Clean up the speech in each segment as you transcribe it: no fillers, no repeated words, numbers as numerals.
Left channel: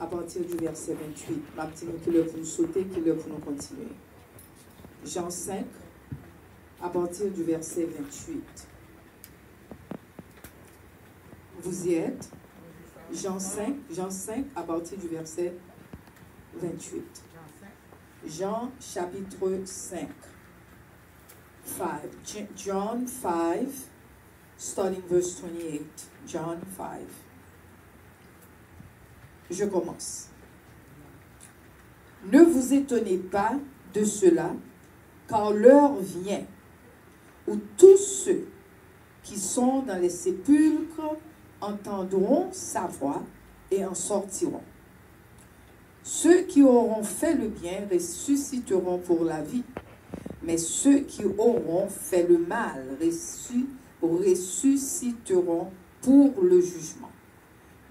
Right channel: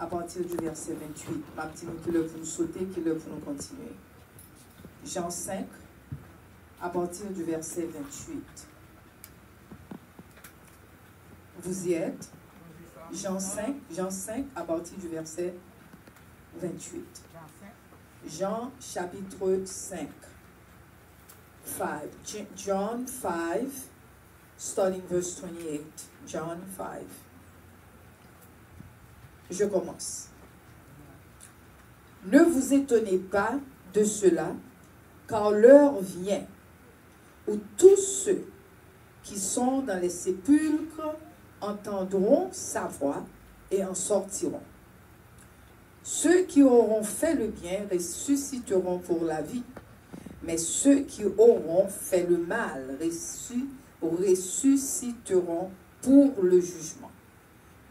à partir du verset 28. Martin, qui le pour sauter, qui le pour continuer. Jean 5, à partir du verset 28. Vous y êtes? Jean 5, à partir du verset 28. Jean chapitre 5. John 5, starting verse 28. John 5. Je commence. Ne vous étonnez pas de cela, car l'heure vient où tous ceux qui sont dans les sépulcres entendront sa voix et en sortiront. Ceux qui auront fait le bien ressusciteront pour la vie, mais ceux qui auront fait le mal ressusciteront pour le jugement.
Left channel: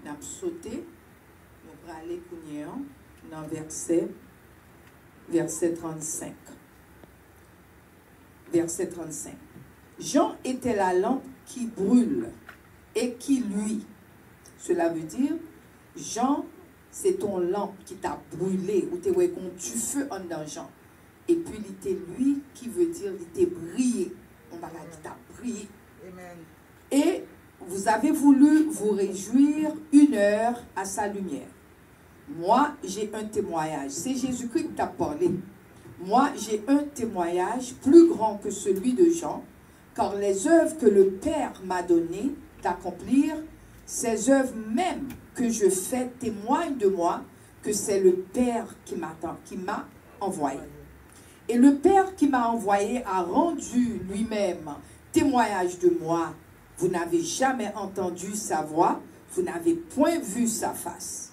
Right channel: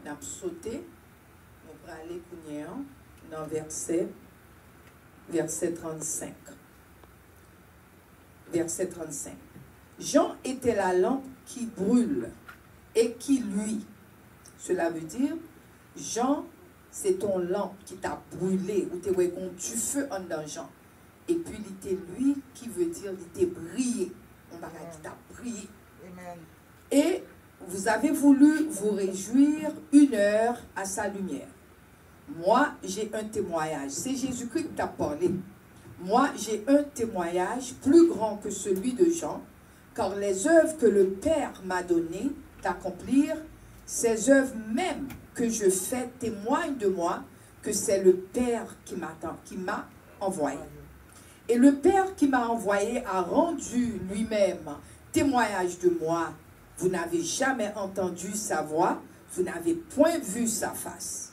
On a sauté, on va aller dans verset 35. Verset 35. Jean était la lampe qui brûle et qui luit. Cela veut dire, Jean, c'est ton lampe qui t'a brûlé, ou tu es du feu en danger. Et puis, il était lui qui veut dire, il était brillé. On va dire, il t'a brillé. Amen. Et vous avez voulu vous réjouir 1 heure à sa lumière. Moi, j'ai un témoignage. C'est Jésus-Christ qui t'a parlé. Moi, j'ai un témoignage plus grand que celui de Jean, car les œuvres que le Père m'a données d'accomplir, ces œuvres même que je fais témoignent de moi que c'est le Père qui m'a envoyé. Et le Père qui m'a envoyé a rendu lui-même témoignage de moi. Vous n'avez jamais entendu sa voix, vous n'avez point vu sa face.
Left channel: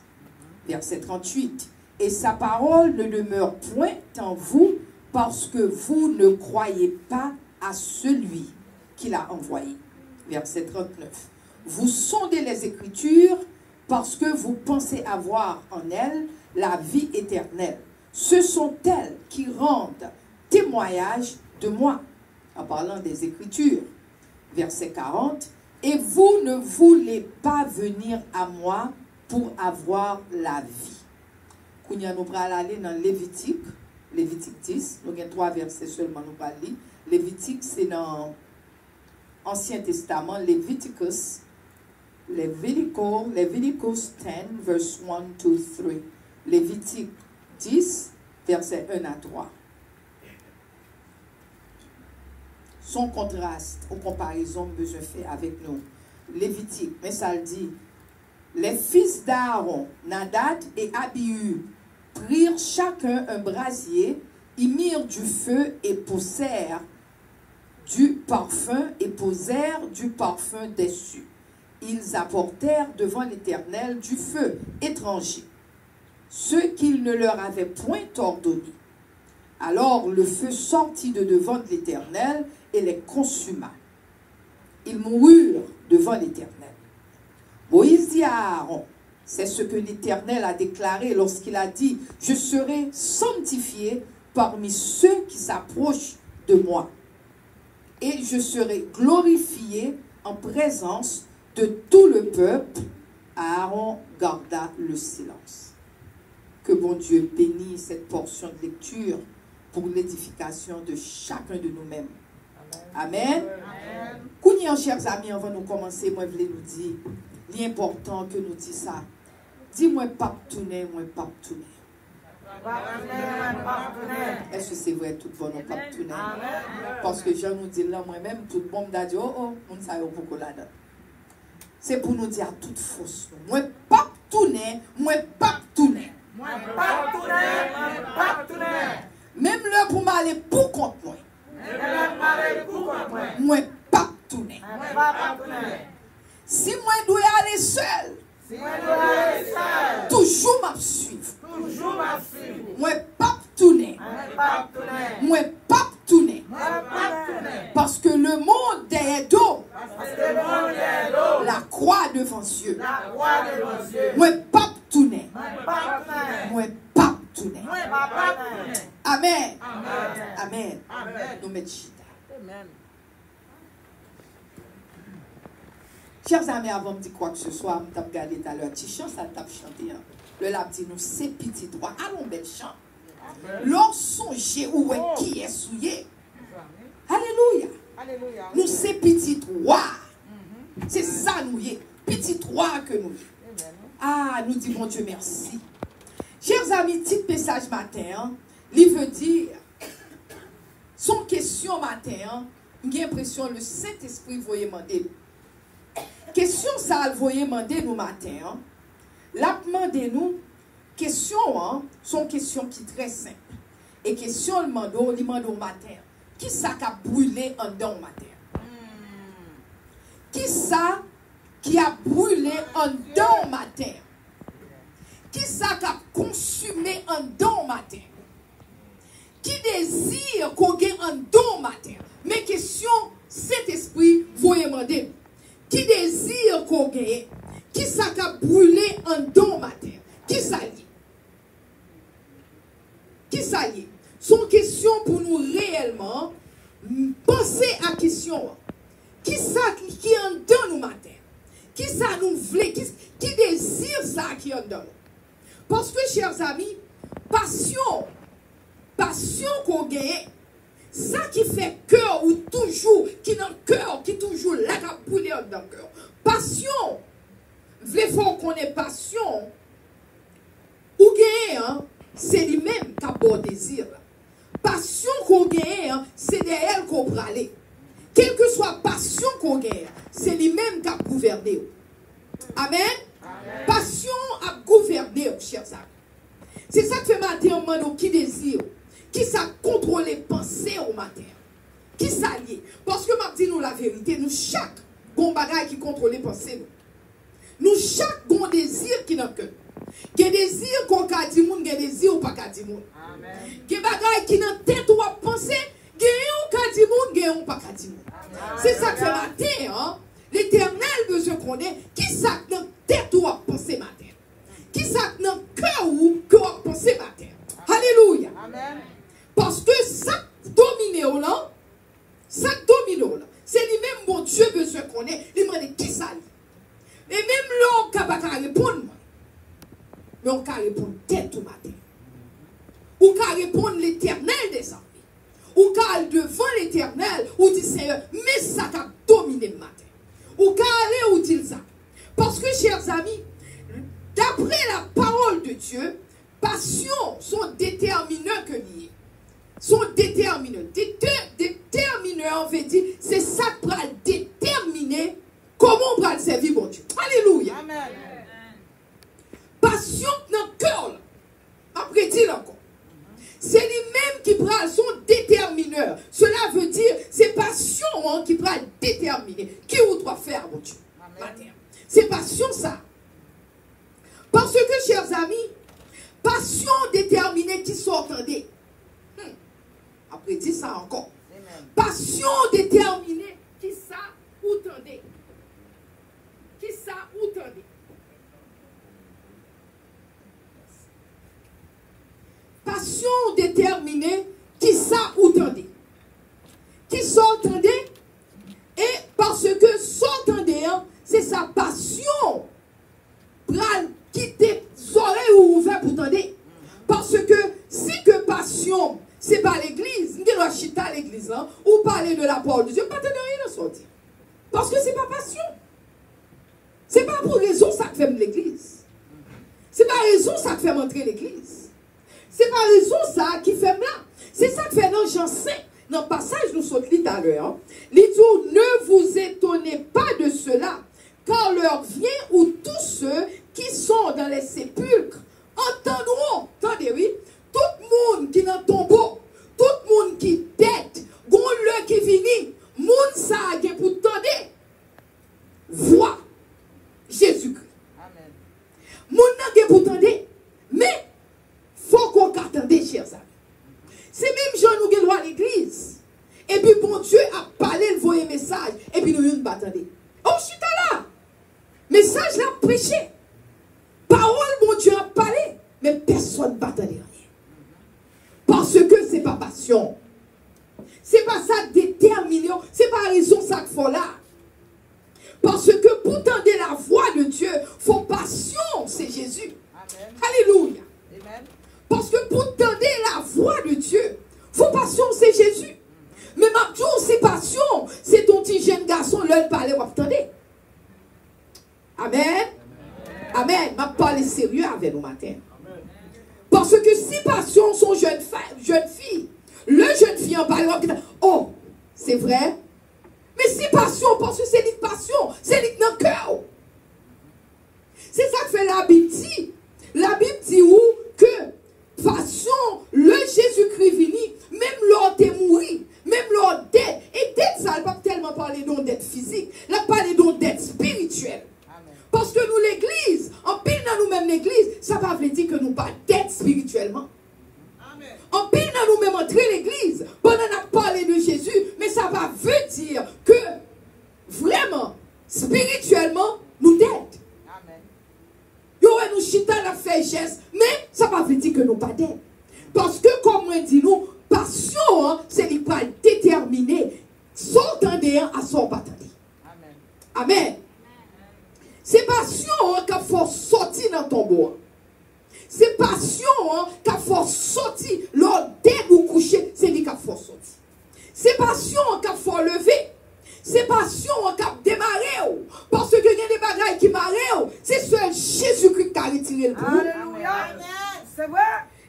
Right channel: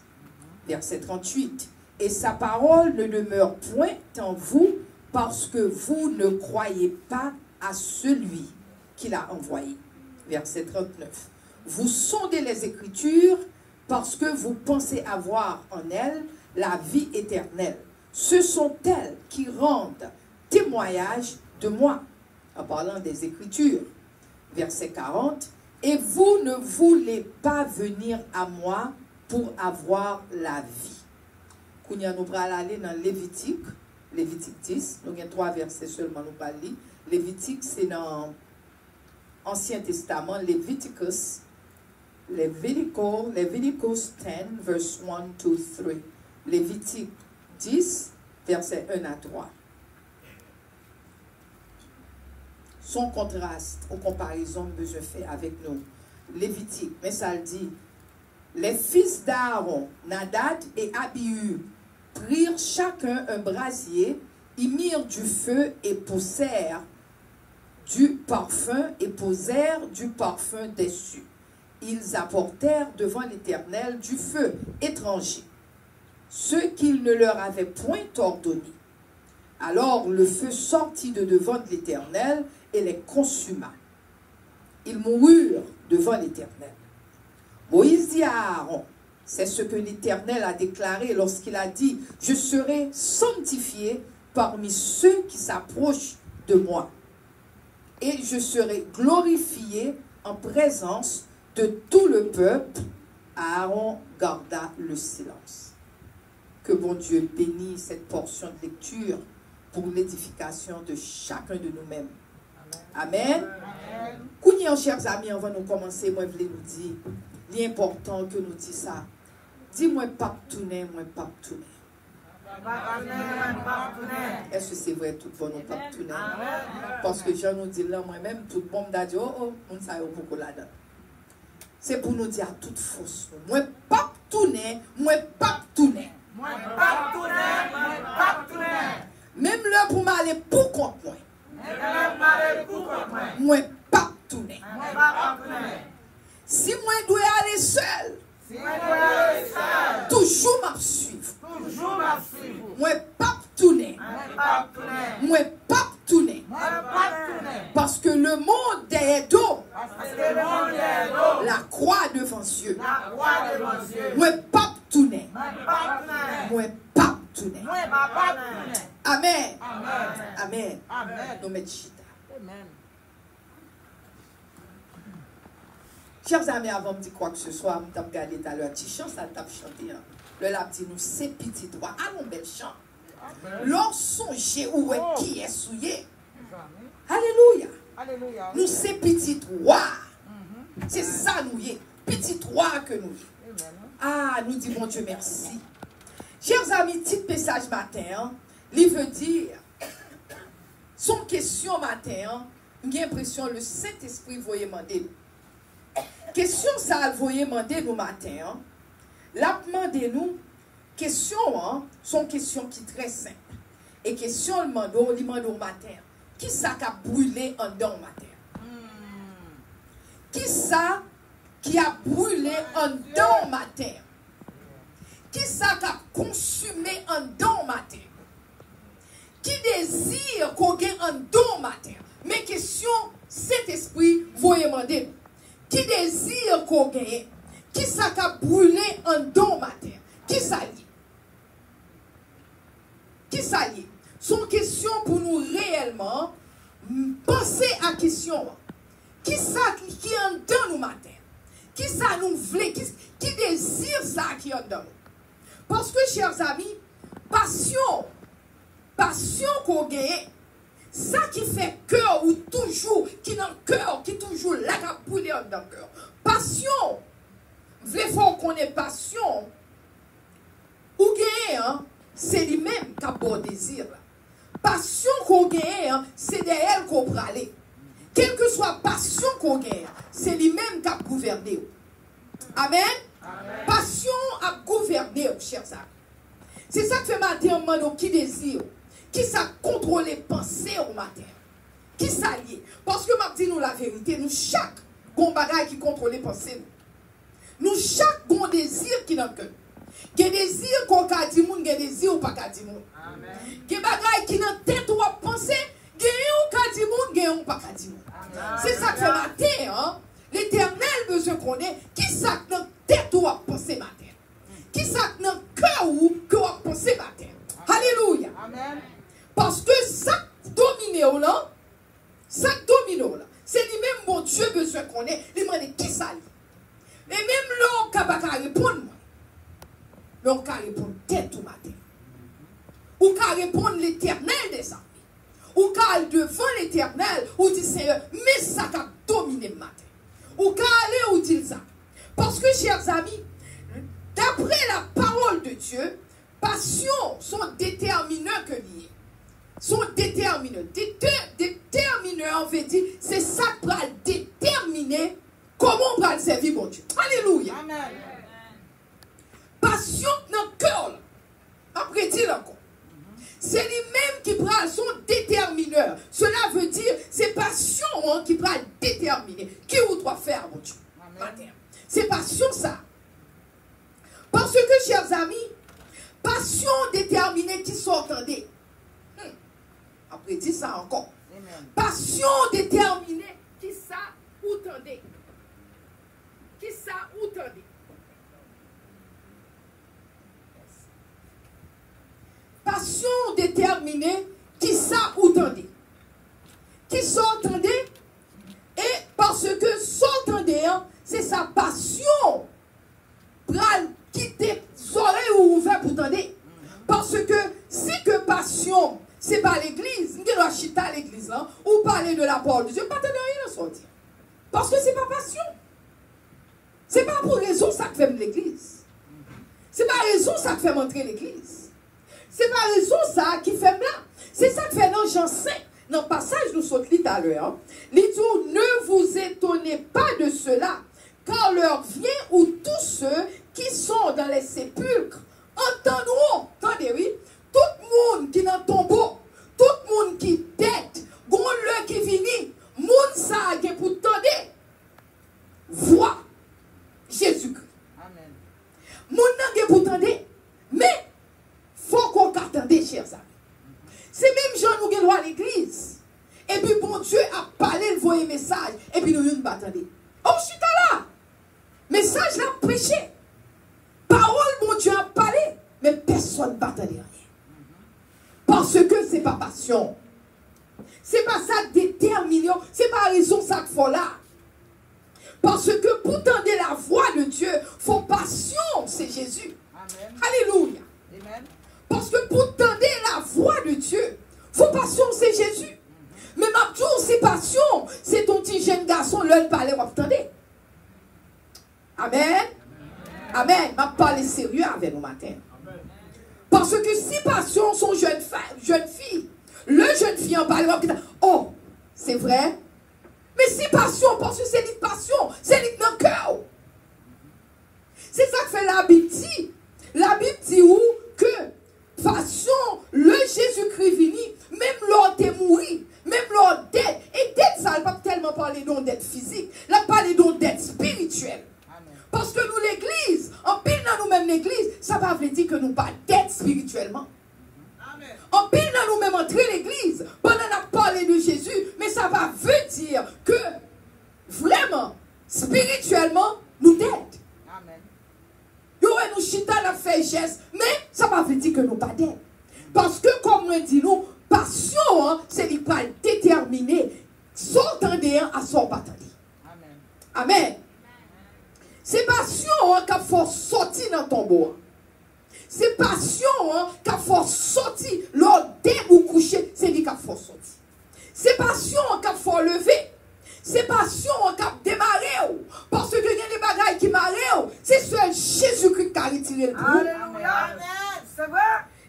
Verset 38. Et sa parole ne demeure point en vous parce que vous ne croyez pas à celui qui l'a envoyé. Verset 39. Vous sondez les Écritures parce que vous pensez avoir en elles la vie éternelle. Ce sont elles qui rendent témoignage de moi. En parlant des Écritures. Verset 40. Et vous ne voulez pas venir à moi pour avoir la vie. Nous allons aller dans Lévitique 10. Nous avons 3 versets seulement, nous parlons. Lévitique, c'est dans l'Ancien Testament, Leviticus 10, verse 1 to 3. Lévitique 10, versets 1 à 3. Son contraste aux comparaisons que je fais avec nous. Lévitique, mais ça le dit. Les fils d'Aaron, Nadab et Abihu, prirent chacun un brasier, y mirent du feu et posèrent du parfum dessus. Ils apportèrent devant l'Éternel du feu étranger, ce qu'il ne leur avait point ordonné. Alors le feu sortit de devant l'Éternel et les consuma. Ils moururent devant l'Éternel. Moïse dit à Aaron, c'est ce que l'Éternel a déclaré lorsqu'il a dit, je serai sanctifié parmi ceux qui s'approchent de moi. Et je serai glorifié en présence de tout le peuple. Aaron garda le silence. Que bon Dieu bénisse cette portion de lecture pour l'édification de chacun de nous-mêmes. Amen. Amen. Chers amis, avant de commencer, moi je voulais nous dire, l'important que nous disons ça. Dis-moi pas tourner, moi pas tourner. Est-ce que c'est vrai tout le monde pas tourner? Parce que je nous dis là, moi-même, tout le monde a dit, oh, on ne sait pas beaucoup là-dedans. C'est pour nous dire à toute fausse. Moi pas tourner, moi pas tourner. Moi pas tourner, moi pas tourner. Même là pour m'aller pour contre moi. Moi pas tourner. Si moi dois aller seul, toujours m'a suivre. Moi pas tourner. Moi pas tourner. Parce que le monde est dos. La croix devant Dieu. Moi pas tourner. Moi pas tourner. Amen. Amen. Nous mettons. Chers amis, avant de dire quoi que ce soit, je vais regarder tout à l'heure. Petit chant, ça tape chanter. Le l'a dit nous, c'est petit droit. Ah mon bel chant. L'on songe où est qui est souillé. Alléluia. Alléluia. Nous, c'est petit droit. C'est ça, nous y est. Petit droit que nous. Ah, nous disons, bon Dieu, merci. Chers amis, petit message matin, il veut dire, son question matin, j'ai l'impression le Saint-Esprit voyait demander. Question ça, vous voyez demander nous matin, la demander nous, question, sont questions qui très simples. Et question, il demande au matin, qui ça qui a brûlé en dedans au matin? Qui ça qui a brûlé en dedans au matin? Qui ça qui a consumé en dedans au matin? Qui désire qu'on gagne en dedans au matin? Mes questions, cet esprit, vous demander. Qui désire qu'on gagne? Qui ça qui a brûlé en dedans au matin? Qui ça y est? Qui ça y est? Son question pour nous réellement penser à la question. Qui ça qui est en dedans nous matin? Qui ça nous voulait? Qui désire ça qui est en dedans? Parce que, chers amis, passion qu'on gagne, ça qui fait cœur ou toujours, qui dans le cœur, qui toujours là, qui a brûlé dans le cœur. Passion, il faut qu'on ait passion, ou gagne, c'est lui-même qui a bon désir. Passion qu'on gagne, c'est de elle qu'on peut aller. Quelle que soit passion qu'on gagne, c'est lui-même qui a gouverné. Amen. Amen. Passion a gouverné, chers amis. C'est ça que fait matin, on demande qui désire. Qui ça contrôle les pensées au matin? Qui ça y est? Parce que m'a dit nous la vérité, nous chaque bon bagage qui contrôle les pensées. Nous chaque bon désir qui n'a que. Quel désir qu'on a dit moun, quel désir ou pas qu'a dit moun. Quel bagage qui n'a tête ou à penser, quel ou qu'a dit moun, quel ou pas qu'a dit moun. C'est ça que fait matin, hein? L'Éternel besoin qu'on ait, qui ça dans tête ou à penser matin? Qui ça dans cœur ou que à penser matin? Alléluia. Amen. Parce que ça domine là, ça domine là. C'est lui-même mon Dieu besoin qu'on ait. Il m'a dit qui ça? Et même l'homme qui n'a pas répondre, l'homme qui répond tête au matin. Ou qui répond l'Éternel des armées. Ou qui devant l'Éternel, ou dit Seigneur, mais ça qui a dominé le matin. Ou qui aller ou dit ça. Parce que, chers amis, d'après la parole de Dieu, passion sont déterminants que liés. Sont déterminants. Déterminants, on veut dire, c'est ça qui va déterminer comment on va servir mon Dieu. Alléluia. Amen. Passion dans le cœur. Après, dire encore. C'est lui-même qui prend son détermineur. Cela veut dire, c'est passion qui va déterminer qui vous doit faire, mon Dieu. C'est passion ça. Parce que, chers amis, passion déterminée qui sont entendées. Après, dis ça encore. Passion déterminée qui ça ou tendez. Qui ça ou tendez. Passion déterminée qui ça ou tendez. Qui s'entendez et parce que s'entendez, c'est sa passion. Pral quitter soleil ou ouvert pour tendre. Parce que si que passion, c'est pas l'église, nous devons chiter à l'église là, ou parler de la parole de Dieu, pas de rien à sortir. Parce que c'est pas passion. C'est pas pour raison ça que fait l'église. C'est pas raison ça que fait montrer l'église. C'est pas raison ça qui fait là. C'est ça que fait dans Jean 5, dans le passage nous sommes dit tout à l'heure. Il dit, ne vous étonnez pas de cela, car l'heure vient où tous ceux qui sont dans les sépulcres entendront, attendez, oui, tout le monde qui est dans le tombeau, tout le monde qui tête, gon le qui finit, monde ça qui pour tendre, voix Jésus-Christ. Amen. Monde qui pour tendre, mais faut qu'on attende, chers amis. C'est même gens nous qui droit à l'église. Et puis bon Dieu a parlé, il voyait message, et puis nous ne pas attendre. Oh, je suis là. Message l'a prêché. Parole, mon Dieu a parlé, mais personne ne va attendre rien. Parce que c'est pas passion. C'est pas ça déterminant. C'est pas raison ça qu'il faut là. Parce que pour tendre la voix de Dieu, faut passion, c'est Jésus. Alléluia. Amen. Parce que pour tendre la voix de Dieu, vos passions, c'est Jésus. Mais ma tour, c'est passion. C'est ton petit jeune garçon, l'heure parler, vous attendez. Amen. Amen. M'a parlé sérieux avec nous matin. Parce que si passion sont jeune fille, le jeune fille en parle, oh, c'est vrai. Mais si passion, parce que c'est une passion, c'est une dans le cœur. C'est ça que fait la Bible dit. La Bible dit où que passion, le Jésus-Christ vini, même l'ordre est mouru, même l'ordre d'être. Et d'être ça, elle ne va pas tellement parler d'être physique, elle parle d'être spirituel. Parce que nous, l'église, en pile dans nous-mêmes l'église, ça va veut dire que nous pas d'être spirituellement. Amen. En pile dans nous-mêmes entrer l'église, pendant qu'on a parlé de Jésus, mais ça va veut dire que vraiment, spirituellement, nous d'être. Amen. Nous chita la fait geste, mais ça va veut dire que nous pas d'être. Parce que, comme on dit nous, passion, hein, c'est qu'il pas déterminé, son tendé à son pas tendé. Amen. Amen. C'est passion hein, qui faut sortir dans ton bois. C'est passion hein, qui faut sortir lors dès vous coucher, c'est lui qui faut sortir. C'est passion qui faut lever. C'est passion qui a démarré. Parce que il y a des bagailles qui marrent. C'est seul Jésus-Christ qui a retiré le coup. Alléluia. C'est vrai.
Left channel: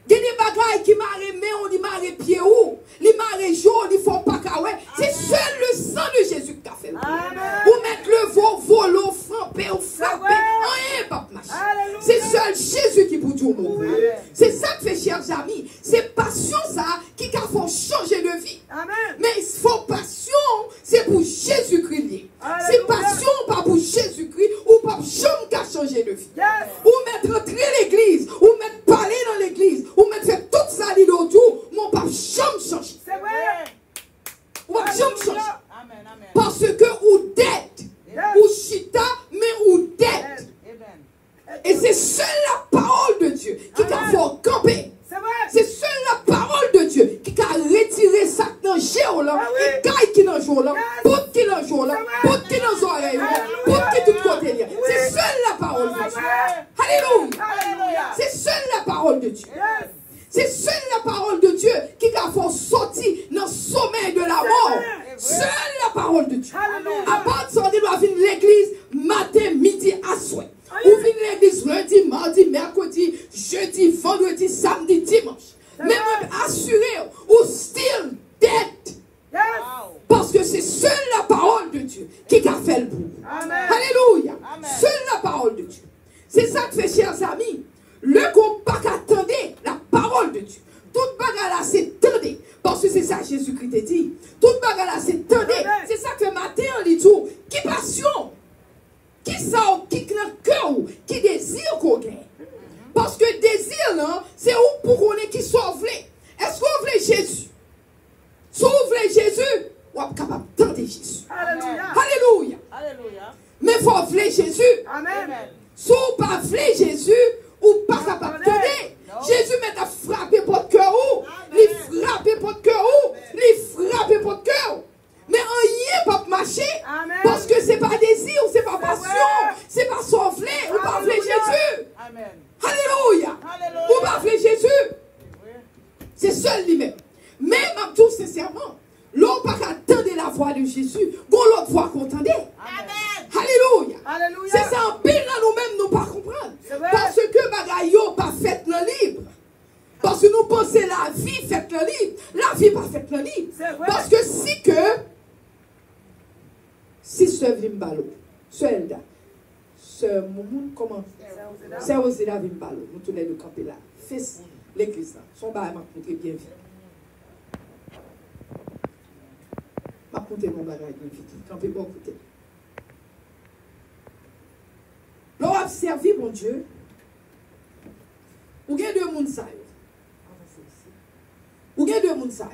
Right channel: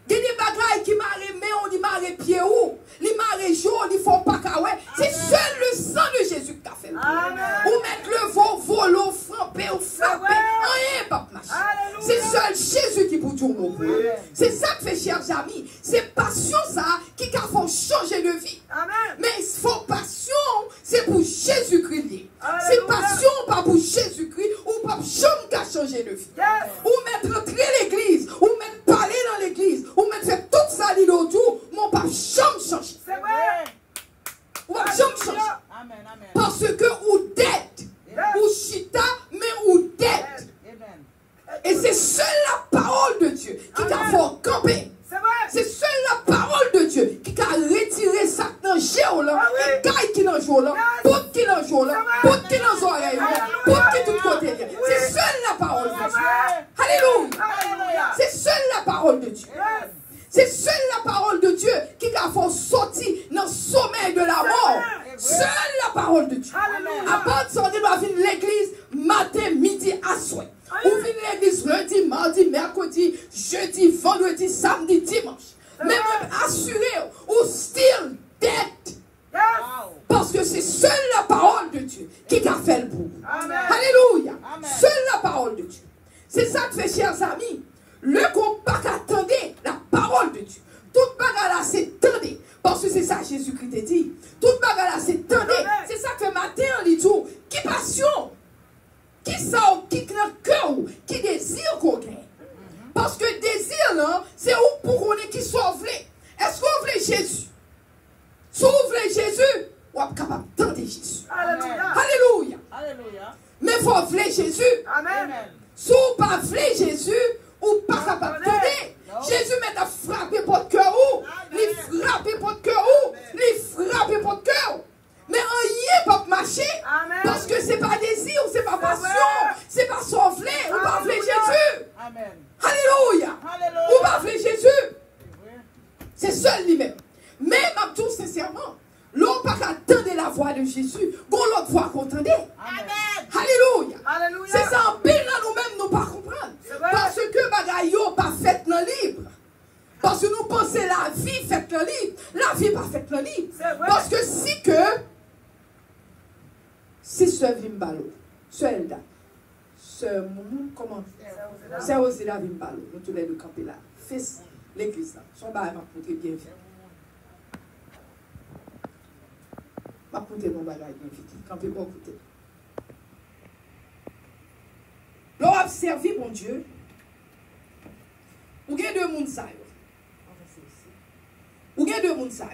Il y a des bagailles qui marrent, mais on dit marrent pied où? Les marrent jaune, ils font pas caouet. C'est seul le sang de Jésus qui a fait le coup. Ou mettre le volo, frapper ou frapper. Rien pas marcher. C'est seul Jésus qui peut tout mourir. C'est ça que fait, chers amis. C'est passion ça qui a fait changer de vie. Mais il faut passion, c'est pour Jésus-Christ. C'est passion pas pour Jésus-Christ ou pas jamais qu'à changer de vie. Ou mettre entrer l'église, ou mettre parler dans l'église, ou mettre faire toute sa vie d'autour, mon pas jamais changer. C'est vrai. Ou pas jamais changer. Amen. Amen. Parce que ou dette, ou chita, mais ou dette. Amen. Et c'est seule la parole de Dieu qui a fait camper. C'est vrai. C'est seule la parole de Dieu qui a retiré ça dans le géo là, et caille qui dans le géo là, pote qui dans le géo là, pote qui dans les oreilles là, pote qui tout côté là. C'est seule la parole de Dieu. Alléluia. C'est seule la parole de Dieu. C'est seule la parole de Dieu qui a fait sortir dans le sommeil de la mort. Seule la parole de Dieu. À part de ça, on doit venir l'église matin, midi, à soir. Ou venir l'église lundi, mardi, mercredi, jeudi, vendredi, samedi, dimanche. Mais même assuré ou still dead. Parce que c'est seule la parole de Dieu qui a fait le bout. Alléluia. Seule la parole de Dieu. C'est ça que fait, chers amis. Le combat attendait la parole de Dieu. Toute bagarre là, c'est tendez. Parce que c'est ça Jésus-Christ a dit. Toute bagarre là, c'est tendez. C'est ça que matin, on dit tout. Qui passion? Qui sort, qui dans le cœur, qui désire qu'on gagne. Parce que désir là, c'est où pour qu'on ait qui sauve. Est-ce qu'on veut Jésus? Si on veut Jésus, on est capable d'entendre Jésus. Alléluia. Alléluia. Mais il faut vouloir Jésus. Amen. Si on ne pas vouloir Jésus, ou pas capable de donner. Jésus m'a frappé votre cœur ou, il frappé votre cœur ou, il frappé votre cœur. Mais rien pas marcher, parce que c'est pas désir, c'est pas passion, c'est pas souffler, ou pas vouloir Jésus. Amen. Alléluia. Ou pas vouloir Jésus. C'est seul lui-même. Mais, ma tout sincèrement, l'on pas attendre la voix de Jésus, bon l'autre voix qu'on entendait. Alléluia. C'est ça en pile là nous-mêmes nous pas comprendre. Parce que bagaille pas fait le libre. Parce que nous pensons la vie faite le libre. La vie pas faite le libre. Parce que si ce Vimbalo, ce Elda, ce Moumoun, comment? C'est Rosela Vimbalo, nous tous les deux camper là. Fils, l'église là. Son bail m'a coûté bien fait. M'a coûté mon bagage bien fait. Camper bon côté. L'on a servi, mon Dieu. Ou gen deux moun sa yo. Ou gen deux moun sa yo.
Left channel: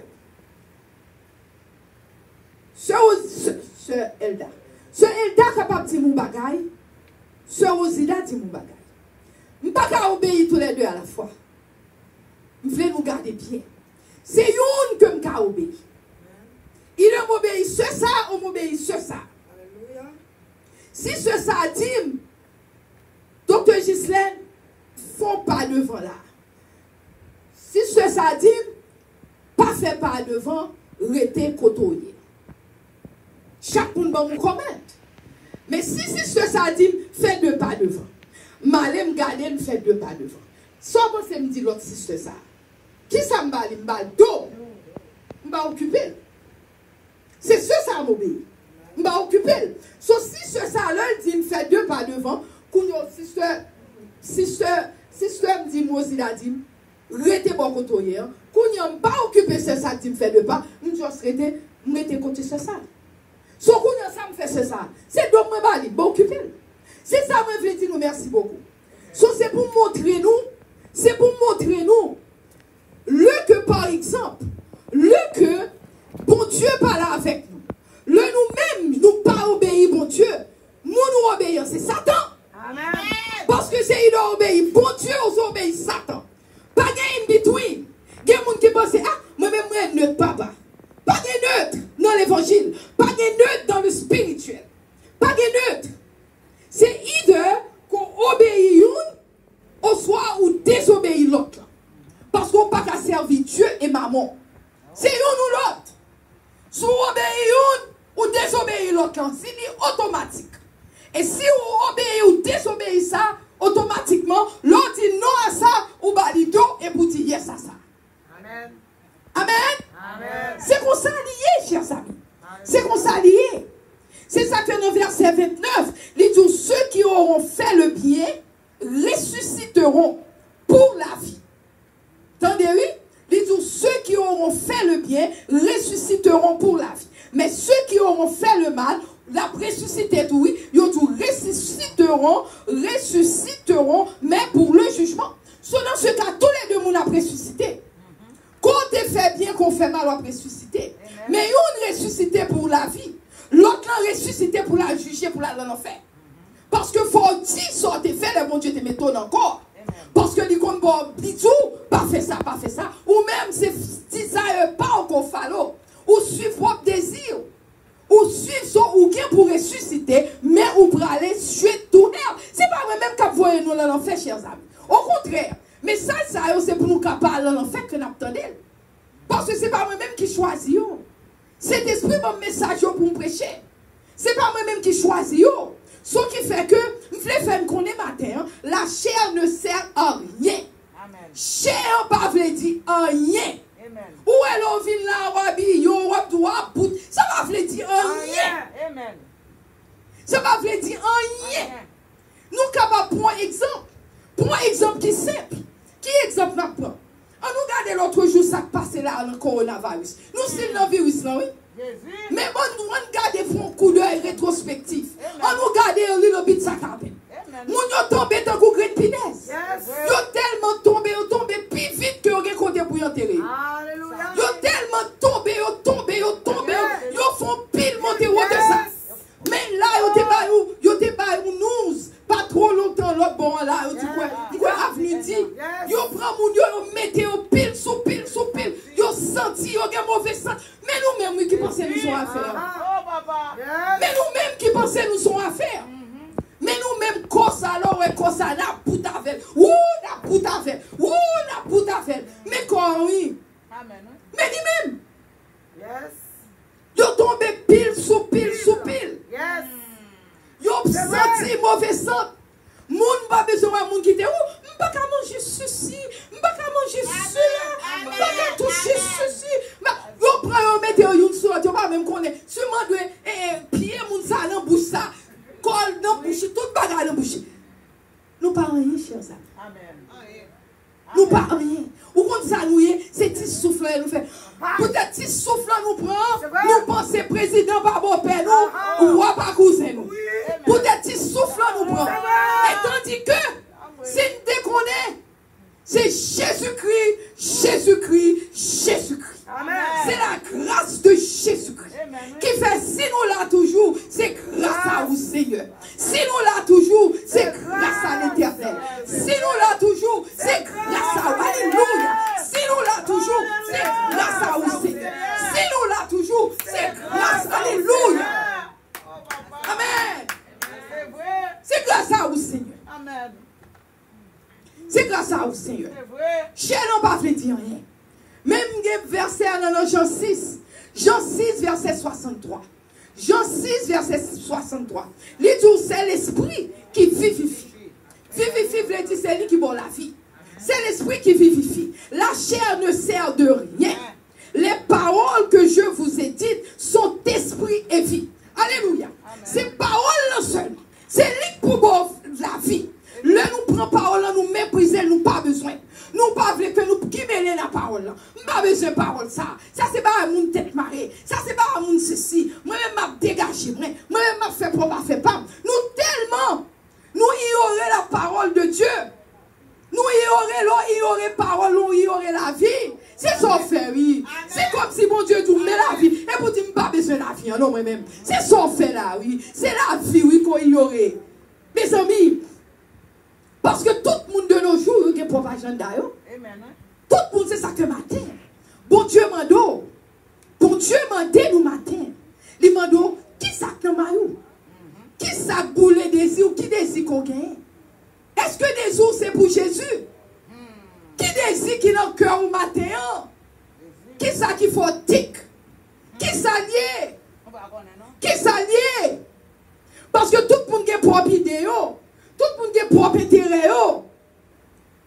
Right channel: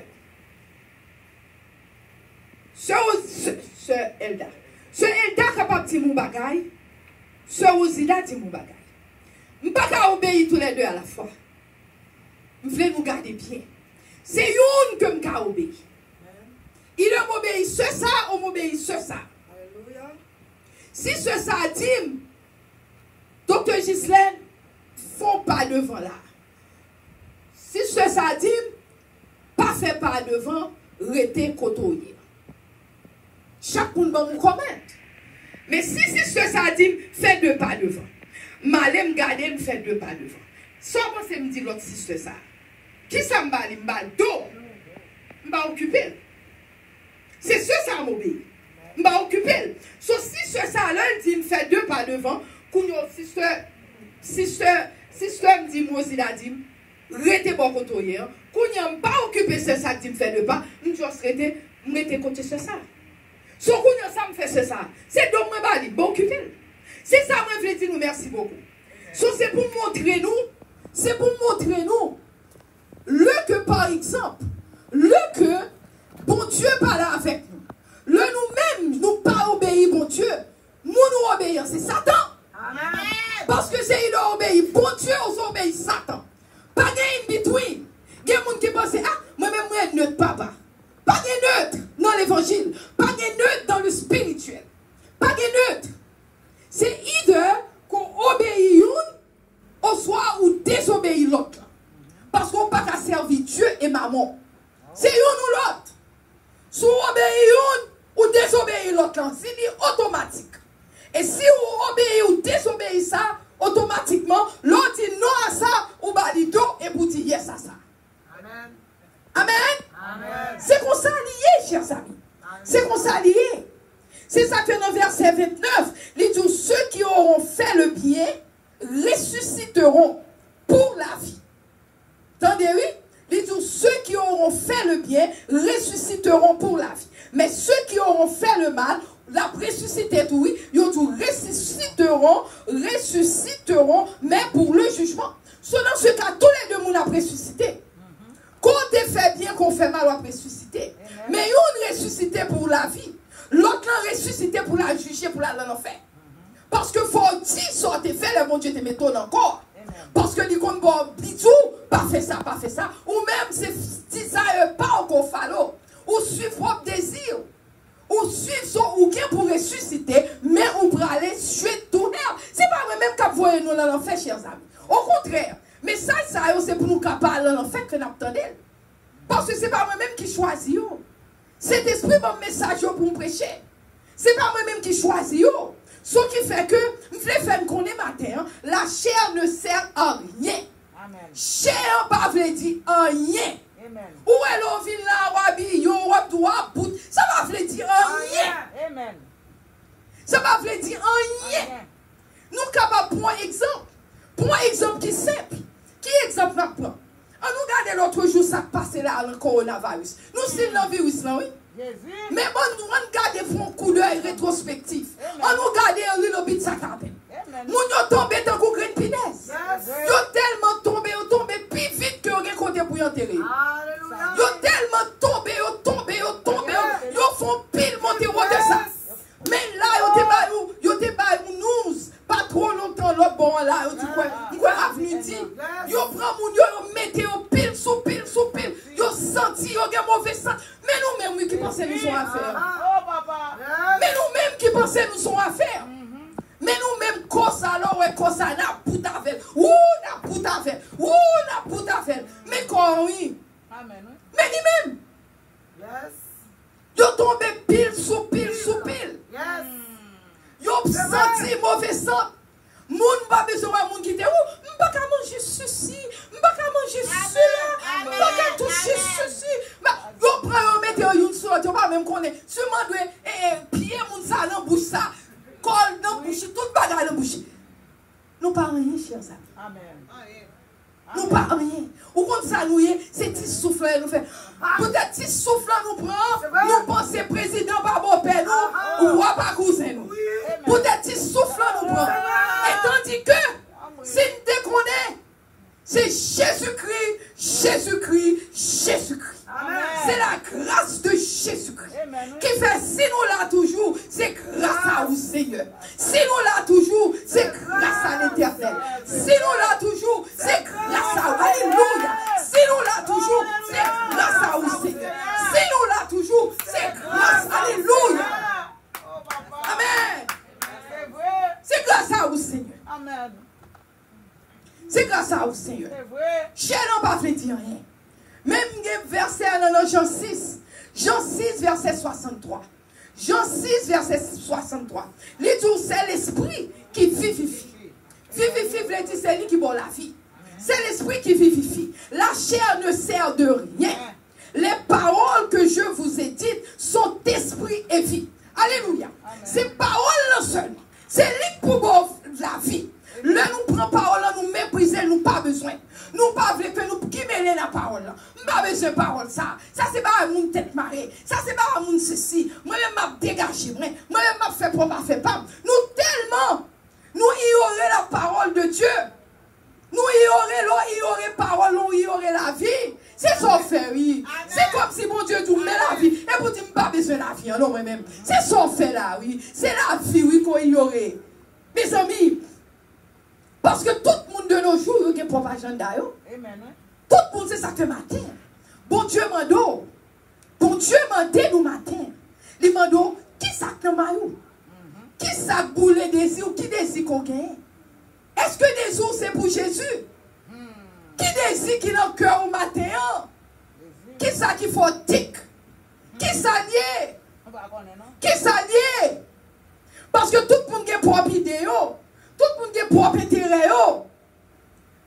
Ce Elda. Ce Elda capable de mon bagay. Ce Rosida dit mon bagay. Je ne peux pas obéir tous les deux à la fois. Je voulais nous garder bien. C'est une que je peux obéir. Il m'obéit ce ça, on m'obéit ce ça. Si ce ça dit, Docteur Ghislaine, font pas devant là. Si ce ça dit, pas fait pas devant, rester côtoyer. Chaque monde va vous commettre. Mais si ce ça dit, fait deux pas devant. Malé me garder, me fait deux pas devant. Sans penser me dire l'autre si c'est ça. Qui ça m'a dit, m'a dos, m'a occupé. C'est ce ça m'obéit. M'a occupé. So si ce ça là dit, me fait deux pas devant, si ce me dit, moi aussi la dit, rete bon côté. Quand on pas occupé ce ça qui me fait deux pas, nous juste rete, mettez côté ce ça. So quand ça me fait ce ça, c'est donc moi bali, bon occupé. C'est ça moi je dis nous merci beaucoup. So c'est pour montrer nous, le que par exemple, le que bon Dieu parle avec nous. Le nous-mêmes, nous pas obéir bon Dieu. Nous obéir, c'est Satan. Amen. Parce que c'est il a obéi bon Dieu, on obéit Satan. Pas de between. Il y a des gens qui pensent, ah, moi-même, moi, neutre, papa. Pas de neutre dans l'évangile. Pas de neutre dans le spirituel. Pas de neutre. C'est either qu'on obéit une, ou soit on désobéit l'autre. Parce qu'on n'a pas qu'à servir Dieu et maman. C'est une ou l'autre. Si on obéit une, ou désobéit l'autre, c'est automatique. Et si on obéit ou désobéit ça, automatiquement, l'autre dit non à ça, ou balito, et vous dites yes à ça. Amen. Amen. Amen. C'est qu'on s'est lié, chers amis. C'est qu'on s'est lié. C'est ça que dans le verset 29, il dit ceux qui auront fait le bien ressusciteront pour la vie. Entendez, oui? Il dit ceux qui auront fait le bien ressusciteront pour la vie. Mais ceux qui auront fait le mal, la ressuscité, oui, ils ressusciteront, mais pour le jugement. Dans ce cas, tous les deux, nous avons ressuscité. Quand on fait bien, qu'on fait mal, on ressuscité. Mais une ressuscité pour la vie. L'autre a ressuscité pour la juger, pour la l'enfer. Parce que faut dire ce que tu fait, le bon Dieu te met encore. Parce que les gens disent pas fait ça, pas fait ça. Ou même, c'est ça, pas encore fallo. Ou suivre votre désir. Ou suivre son ou bien pour ressusciter, mais ou pour aller suivre tout l'air. C'est pas même qu'à voyer nous dans l'enfer, chers amis. Au contraire. Mais ça, c'est pour nous capables dans l'enfer que nous attendons. Parce que c'est pas moi-même qui choisis. C'est l'esprit mon message pour nous prêcher. C'est pas moi-même qui choisis. Ce qui fait que, nous faisons qu'on est matin, la chair ne sert à rien. Amen. Chair pas veut dire rien. Amen. Où est-ce vient là, wabi, yo, wap, ça va veut dire rien. Amen. Ça va veut dire rien. Nous sommes capables pour un exemple. Pour un exemple qui est simple. Qui exemple nous prend? On nous regarde l'autre jour, ça passe là, le coronavirus. Nous sommes dans le virus, là, oui. Mais on regarde pour un coup d'œil rétrospectif. On nous regarde un little bit ça tapé. Nous sommes tombés dans vos grande pinaise. Nous sommes tellement tombés plus vite que vous comptez pour y enterrer. Nous sommes tellement tombés, nous font pile monter au ça. Mais là, vous te nous, pas trop longtemps, l'autre bon là, vous dites quoi, avenue dit, vous prenez mon Dieu, vous mettez au pile, sous pile, vous sentez, vous avez mauvais sang. Mais nous-mêmes qui pensons nous sommes à faire. Mais nous-mêmes qui pensons nous sommes à faire. Mais nous-mêmes, comme ça, la poutre avec. La poutre avec. Mais quoi, oui. Mais nous-mêmes. Vous tombez pile, sous pile. Vous sentez mauvais sang. Moun pas besoin de moun qui te ou, m'pas qu'à manger ceci, m'pas qu'à manger ceci, m'pas tout ceci. Vous prenez, mettez une sur l'autre, pas même connaître. Si moi dois pied moun ça dans bouche ça, colle dans bouche, tout bagarre dans bouche. Nous pas rien, chers amis. Amen. Nous pas rien. Ou comme ça nous c'est petit souffle nous fait. Peut-être petit souffle nous prend, nous pensons président pas bon père nous, ou pas cousin nous. Peut-être petit souffle nous prend. Et tandis que, c'est une déconne, c'est Jésus-Christ. C'est la grâce de Jésus-Christ qui fait, si nous l'a toujours, c'est grâce à vous, Seigneur. Si nous l'a toujours, c'est grâce à l'Éternel. Si nous l'a toujours, c'est grâce à vous. Alléluia. Si nous l'a toujours, c'est grâce à vous, Seigneur. Si nous l'a toujours, c'est grâce. Alléluia. Amen. C'est grâce à vous, Seigneur. Amen. C'est Chien n'a pas fait dire rien. Même verset dans Jean 6. Jean 6, verset 63. Jean 6, verset 63. Les tout, c'est l'esprit qui vivifie. Vivifie, veut dire c'est lui qui boit la vie. C'est l'esprit qui vivifie. La chair ne sert de rien. Les paroles que je vous ai dites sont esprit et vie. Alléluia. Ces paroles-là seulement. C'est lui pour boire la vie. Le nous prend parole, nous mépriser, nous pas besoin. Nous pas voulons que nous qui mêlons la parole. Nous pas besoin de parole ça. Ça c'est pas mon tête marée. Ça c'est pas mon ceci. Moi-même m'a dégagé. Moi-même m'a fait pour m'a fait pas. Nous tellement nous ignorer la parole de Dieu. Nous ignorer parole, nous ignorer la vie. C'est ça fait, oui. C'est comme si mon Dieu nous met la vie. Et vous dites, pas besoin de la vie, non, moi-même. C'est ça fait là, oui. C'est la vie, oui, qu'on ignorait. Mes amis, parce que tout le monde de nos jours, il y a des propagande d'ailleurs. Tout le monde, c'est ça que matin. Bon Dieu m'a dit, bon Dieu m'a dit nous matin. Il m'a dit, qui ça que m'a eu? Qui ça boule désir, qui désire qu'on gagne? Est-ce que désir c'est pour Jésus? Qui désire qu'il a un cœur au matin? Qui ça qui faut tic? Qui ça lié? Qui ça lié? Parce que tout le monde a propre idée, tout le monde a propre intérêt.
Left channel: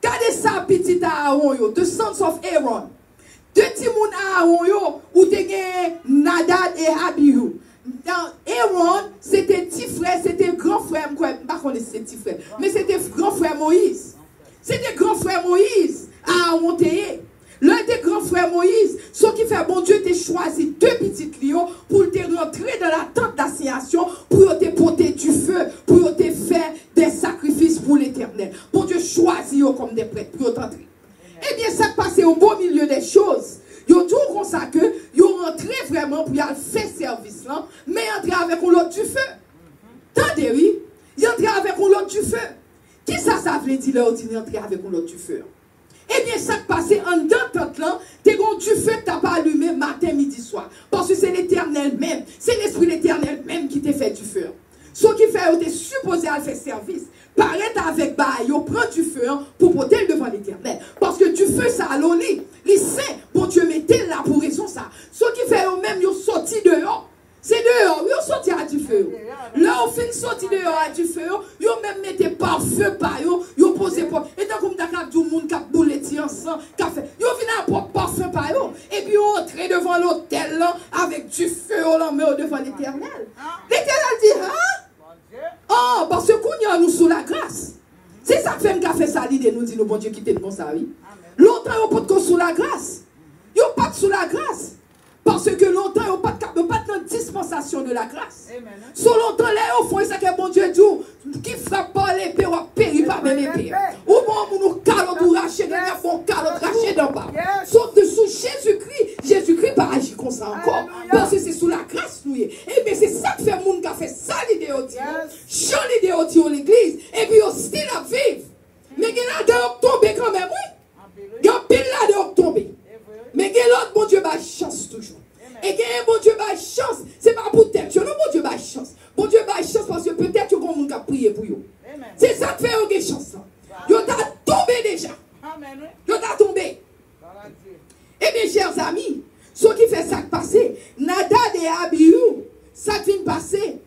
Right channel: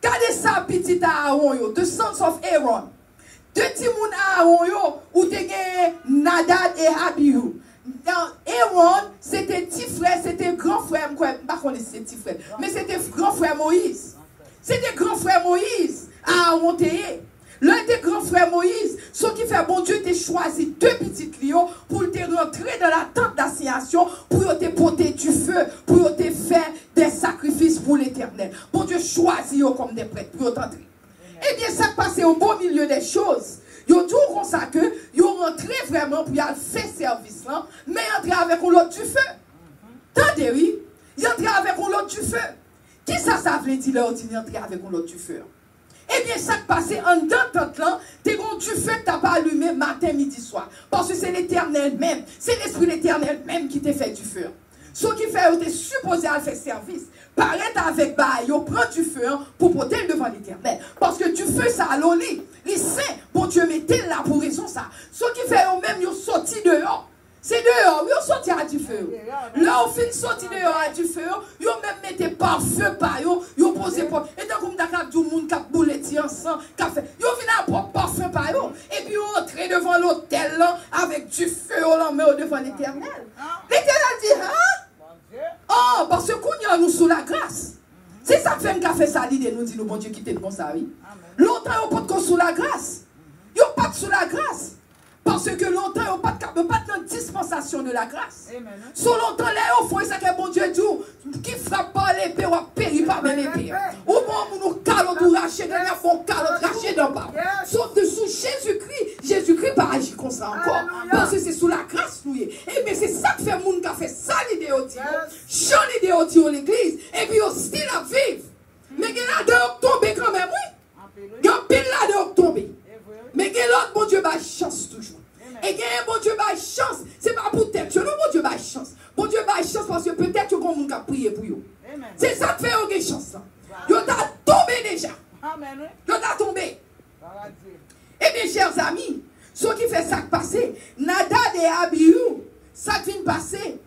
Regardez ça, petit Aaron, the sons of Aaron. Deux petits moun Aaron, où tu as Nadab et Abihu. Aaron, c'était petit frère, c'était grand frère, pas qu'on est petit frère, mais c'était grand frère Moïse. C'était grand frère Moïse à Aaron. L'un des grands frères Moïse, ce qui fait bon Dieu t'a choisi deux petits lions pour te rentrer dans la tente d'assignation, pour te porter du feu, pour te faire des sacrifices pour l'éternel. Bon Dieu choisit comme des prêtres pour t'entrer. Eh bien, ça passe au beau milieu des choses. Ils ont tout comme ça que, ils ont rentré vraiment pour y aller faire service là, mais ils entrent avec l'autre du feu. Tendez, oui, ils entrent avec l'autre du feu. Qui ça veut dire là, ils entrent avec l'autre du feu? Eh bien, ça passe en deux temps là, t'es bon du feu que t'as pas allumé matin, midi, soir. Parce que c'est l'éternel même, c'est l'esprit l'éternel même qui t'a fait du feu. Ce qui fait, t'es supposé à faire service. Paraît avec bail, on prend du feu pour porter devant l'éternel. Parce que du feu, ça a l'oli. Les saints, bon Dieu, mettez là pour raison ça. Ce qui fait, eux même, ils ont sorti dehors. C'est dehors, ils ont sorti à du feu. Là, on fait sorti dehors à du feu, ils ont même mettez par feu, par eux, ils ont posé pour. Et tant que vous avez du monde qui a boulé ensemble, qui a fait, ils ont venu à par feu, par eux. Et puis, ils ont entré devant l'autel là, avec du feu, on met devant l'éternel. L'éternel dit, hein? Oh, parce que quand nous sous la grâce. C'est ça que fait ça, l'idée nous dit, nous, bon Dieu, quittez le bon ça, oui. Longtemps, on peut pas sous la grâce. Ils n'ont pas sous la grâce. Parce que longtemps, ils n'ont pas de dispensation de la grâce. Sous longtemps, là, au fond, c'est que mon Dieu dit, qui frappe pas l'épée, ou périt par l'épée. Au moment où nous calons pour racher, nous avons calons racher dans bas. Sauf que sous Jésus-Christ pas agir comme ça encore. Parce que c'est sous la grâce, nous. Et bien, c'est ça que fait le monde qui a fait ça, l'idée au Dieu. Chant l'idée au Dieu, l'église. Et puis, aussi la vivre. Mais il y a de tomber quand même, oui. Il y a pile là de tomber. Mais il y a l'autre, mon Dieu, bah, chance toujours. Et il y a mon Dieu, bah, chance. C'est pas pour tête, mais mon Dieu, bah, chance. Mon Dieu, bah, chance parce que peut-être que mon monde a prié pour vous. C'est ça qui fait une chance. Vous avez tombé déjà. Vous avez tombé. Eh bien, chers amis, ce qui fait ça passer, Nadab et Abihu, ça vient passer.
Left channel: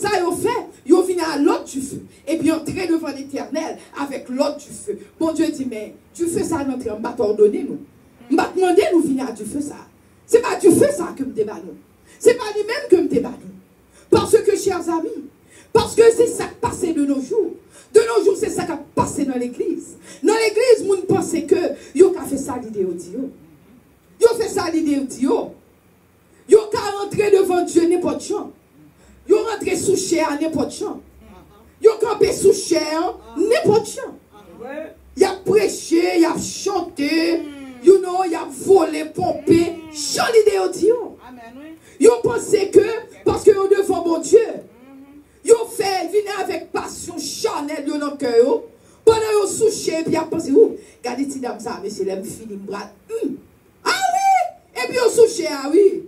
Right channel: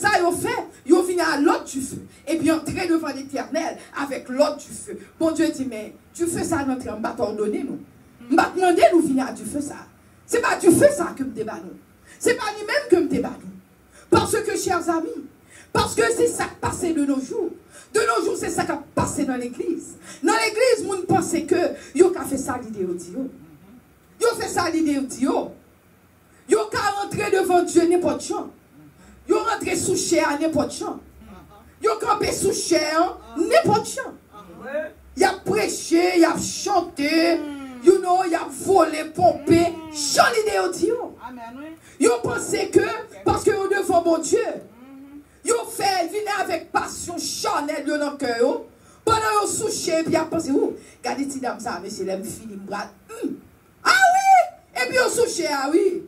Ça y fait, yo vient à l'autre du feu. Et puis entrer devant l'éternel avec l'autre du feu. Bon Dieu dit, mais tu fais ça, notre on va t'ordonner nous. On va demander nous venir à du feu ça. C'est pas du feu ça que me débat nous. C'est pas lui-même que me débat nous. Parce que, chers amis, parce que c'est ça qui passe de nos jours. De nos jours, c'est ça qui a passé dans l'église. Dans l'église, vous ne pensez que yo a fait ça l'idée au Dieu. Yo fait ça l'idée au Dieu. Yo qu'à rentrer devant Dieu n'importe quoi. Yo rentré sous chair n'importe quoi. Yo campé sous chair n'importe quoi. Y a prêché, y a chanté, you know, y a volé, pompé, chant l'idée au Dieu. Yo pensé que, parce que yo devant mon Dieu, yo fait venir avec passion charnelle de notre cœur, pendant yo sous chair, puis y a pensé, regardez ti dame ça, mais c'est l'aime fini, brat. Ah oui! Et puis yo sous chair, ah oui.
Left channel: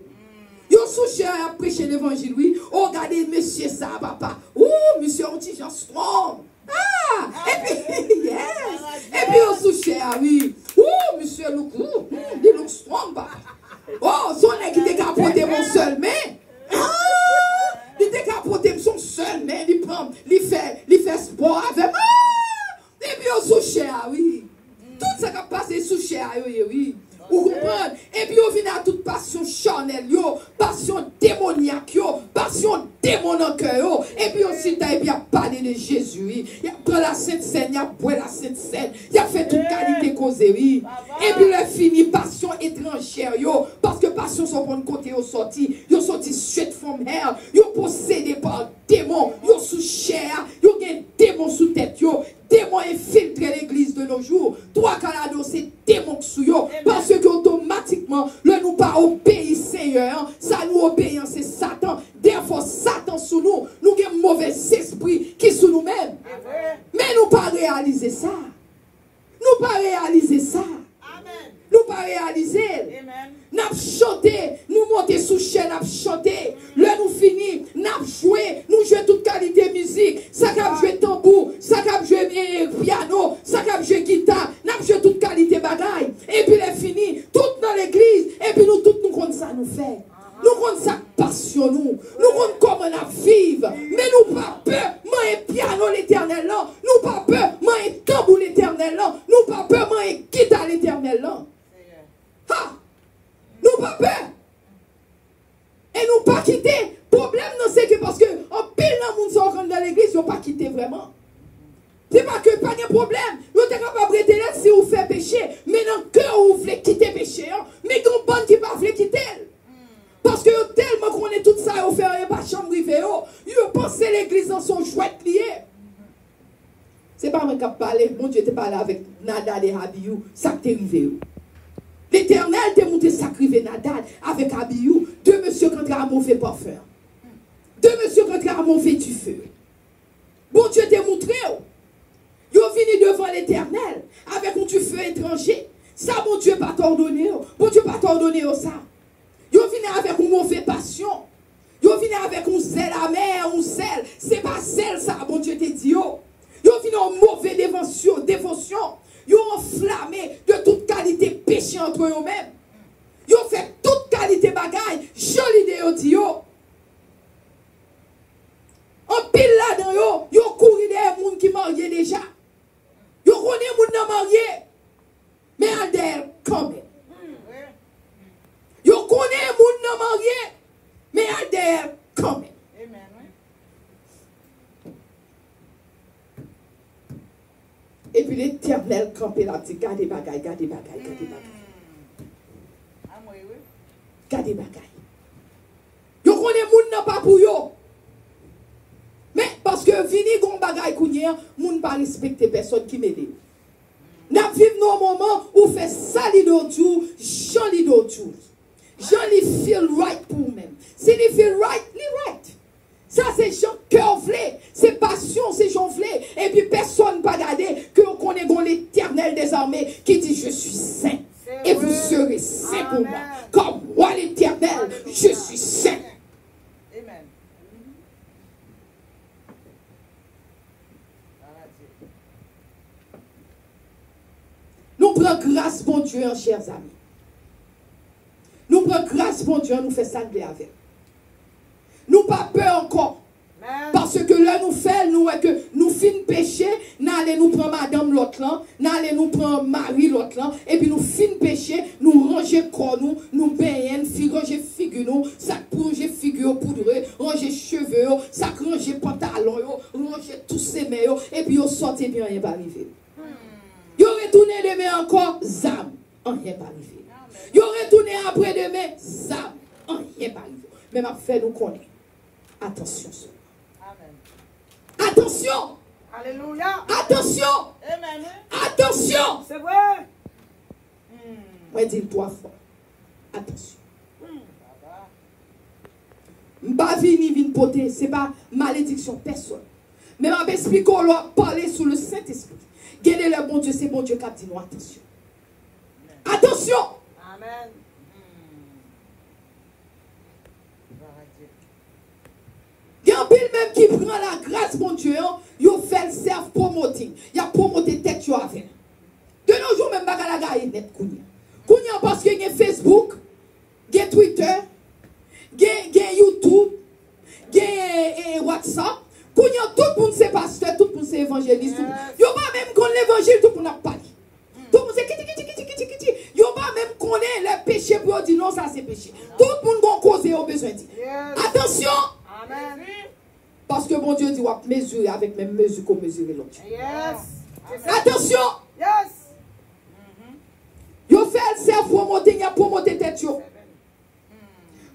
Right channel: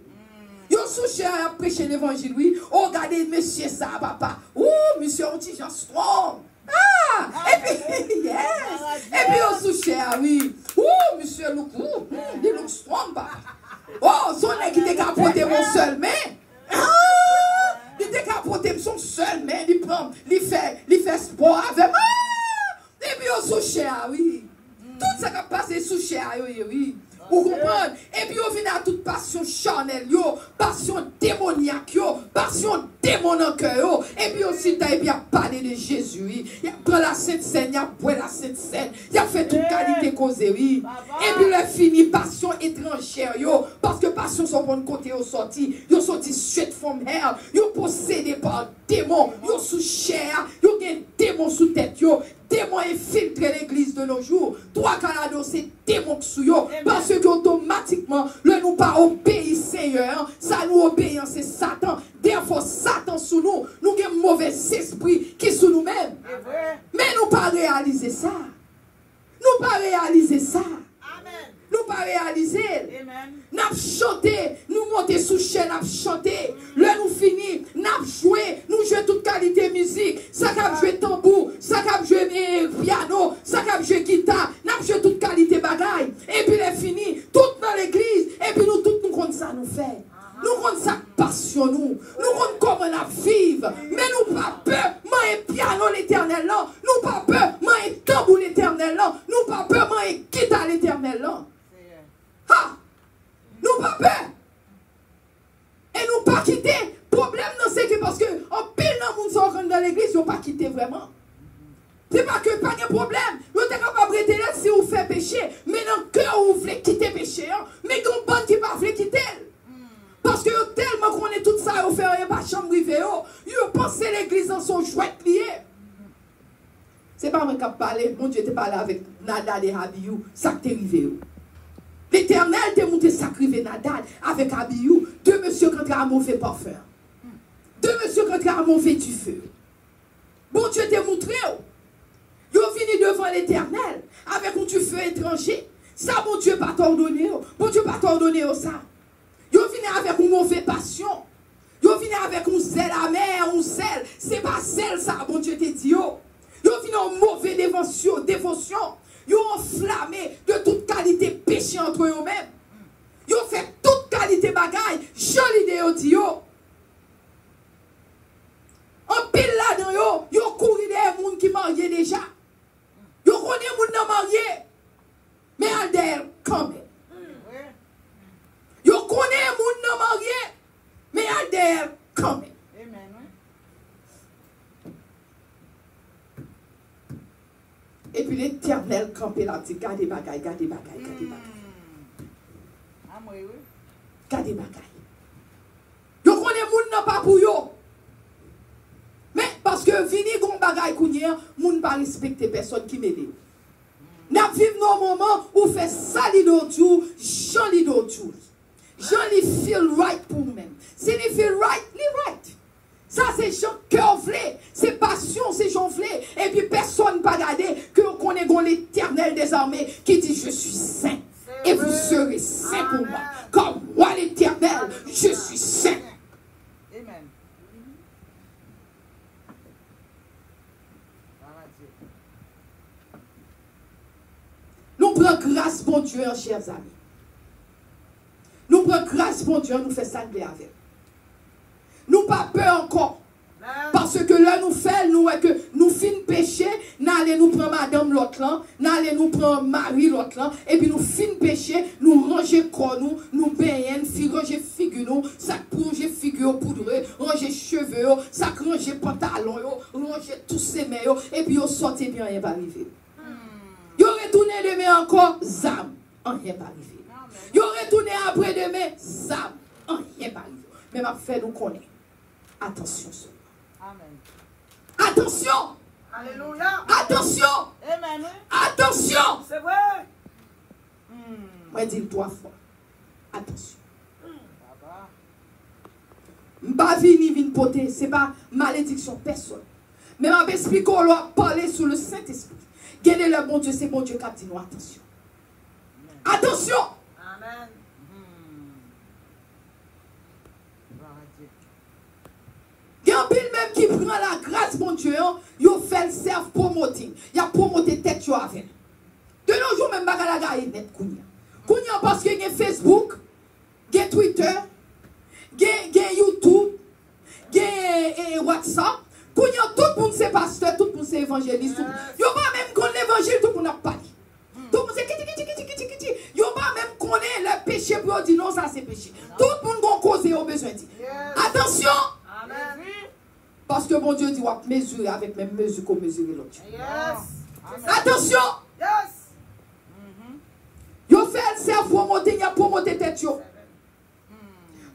Yo souché à prêcher l'évangile, oui. Oh, regardez, monsieur, ça, papa. Ouh, monsieur, on dit, strong. Ah, Et puis, yes. Et puis, on souche, ah oui. Oh, monsieur Loukou, il look strong, bah. Oh, son nez qui était capoté mon seul main. Ah, il était capoté son seul main. Il prend, il fait sport avec. Ah, et puis, on souche, ah oui. Tout ça qui a passé souche, ah oui. Vous comprenez? Et puis, on vient à toute passion charnelle, passion démoniaque, passion démon en cœur. Et puis, aussi, il a parlé de Jésus. Il a pris la Sainte Seine, il a pris la Sainte Seine. Il a fait toute qualité causerie. Et puis, il a fini passion étrangère, parce que passion sont pour le côté, ils sont sortis straight from hell. Ils sont possédés par démons. Ils sont sous chair. Ils ont des démons sous tête. Démons infiltrent l'église de nos jours. Toi, Canada, c'est démons sous yo. Parce que automatiquement, le nous pas obéir Seigneur. Ça nous obéit, c'est Satan. Des fois, Satan sous nous. Nous avons un mauvais esprit qui sous nous-mêmes. Mais nous pas réaliser ça. Nous pas réaliser ça. Nous pas réaliser. Nous chanter, nous monter sous chaîne, nous chanter. Là nous finit, nous jouer, nous jouer toute qualité de musique. Ça cap jouer tambour, ça cap jouer piano, ça cap jouer guitare, nous jouer toute qualité bagaille. Et puis les fini, tout dans l'église. Et puis nous tout nous compte ça nous fait. Nous compte ça passion nous. Nous compte comment nous vivre. Mais nous pas peur, moi piano l'éternel là. Nous pas peur, moi tambour l'éternel là. Nous pas peur, moi guitare l'éternel là. Ha! Nous pas peur. Et nous pas quitter. Problème, c'est que parce que en pile dans le monde dans l'église, ils n'ont pas quitté vraiment. C'est pas que pas de problème. Nous sommes capables de rester si vous faites péché. Mais dans le cœur, vous voulez quitter péché. Mais qu'on bonne qui va voulez quitter. Parce que tellement qu'on est tout ça, vous faites pas chambre privée. Vous pensez l'église en son jouet lié. C'est pas moi qui parle. Mon Dieu, tu parlé avec Nadal et Abiou. Ça t'est arrivé. L'Éternel t'a monté sacrifier Nadal avec Abiou. Deux monsieur qui ont mauvais parfum. Deux monsieur qui ont mauvais du feu. Bon Dieu t'a montré. Ils ont venu devant l'Éternel avec un du feu étranger. Ça, mon Dieu, pas coordonné. Mon Dieu, pas coordonné ça. Ils ont venu avec une mauvaise passion. Ils ont venu avec un zèle amer, un zèle. C'est pas zèle ça, mon Dieu t'a dit. Ils ont venu en mauvaise dévotion. Ils ont enflammé de toute qualité péché entre eux-mêmes. Ils ont fait toute qualité bagaille. Jolie de dit. En pile là-dedans, ils ont couru des gens qui mariés déjà. Ils ont connu des gens mariés. Mais adhèrent quand même. Ils ont connu des gens mariés. Mais adhèrent quand même. Et puis l'Éternel campé là, dit, gardez bagaille, gardez bagaille, gardez bagaille. Gardez bagaille. Yo connaît moun nan pas pour yo. Mais parce que vini gon bagaille kounyer, moun pas respecter personne qui m'aide. N'a vivre nos moments où fait sali d'autou, joli d'autou. Joli feel right pour nous-mêmes. Si你 feel right, li right. Ça, c'est cœur vlé, c'est passion, c'est j'en vlé. Et puis personne ne va garder que on connaît l'Éternel des armées qui dit je suis saint. Et vous serez saint pour moi. Comme moi l'Éternel, je suis saint. Amen. Nous prenons grâce pour Dieu, chers amis. Nous prenons grâce pour Dieu, nous faisons sangler avec. Nous pas peur encore. Parce que là, nous faisons, nous, que nous finissons péché, nous allons nous prendre madame l'autre là, nous allons nous prendre Marie l'autre là, et puis nous finissons péché, nous ranger corps nous baignons, ranger figure nous, ça ranger figure poudreux, ranger cheveux, ça ranger pantalon, ranger tous ces mains, et puis on sortit bien, rien va arriver. Vous retournez demain encore, zam, rien va arriver. Vous retournez après demain, zam, rien va arriver. Mais ma fait nous connaît. Attention. Amen. Attention. Alléluia. Attention. Amen. Attention. C'est vrai. Moi, dis 3 fois. Attention. M'pas vini poter, c'est pas malédiction personne. Mais m'a expliqué qu'on doit parler sous le Saint-Esprit. Gardez le bon Dieu, c'est bon Dieu qui a dit nous attention. Attention. Amen. Il y a un pile même qui prend la grâce, mon Dieu, il fait le self-promoting. Il a promoté tête avec. De nos jours, même baga la gagne net kounya. Kounya parce qu'il y a Facebook, il y a Twitter, il y a YouTube, il y a WhatsApp. Kounya tout le monde c'est pasteur, tout le monde c'est évangéliste. Il n'y a pas même qu'on l'évangile, tout le monde n'a pas dit. Tout le monde c'est kiti. Il n'y a pas même qu'on ait le péché pour dire non, ça c'est péché. Tout le monde va causer au besoin de dire. Attention! Amen. Parce que mon Dieu dit, on va mesurer avec mes mesures qu'on mesure l'autre. Yes. Attention! Yes. Yo fait le cerf promoter, il a promoté tête yo.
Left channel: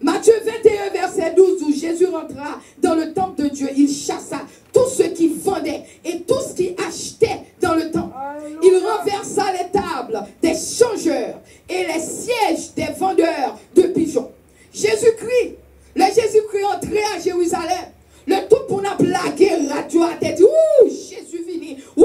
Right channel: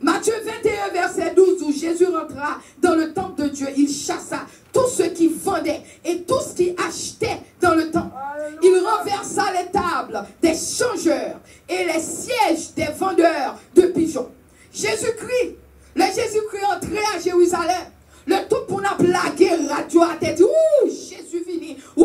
Matthieu 21, verset 12, où Jésus rentra dans le temple de Dieu. Il chassa tous ceux qui vendaient et tous qui achetaient dans le temple. Il renversa les tables des changeurs et les sièges des vendeurs de pigeons. Jésus-Christ, le Jésus-Christ entré à Jérusalem. Le tout pour nous blaguer, radio à tête. Ouh, Jésus vini. Ouh,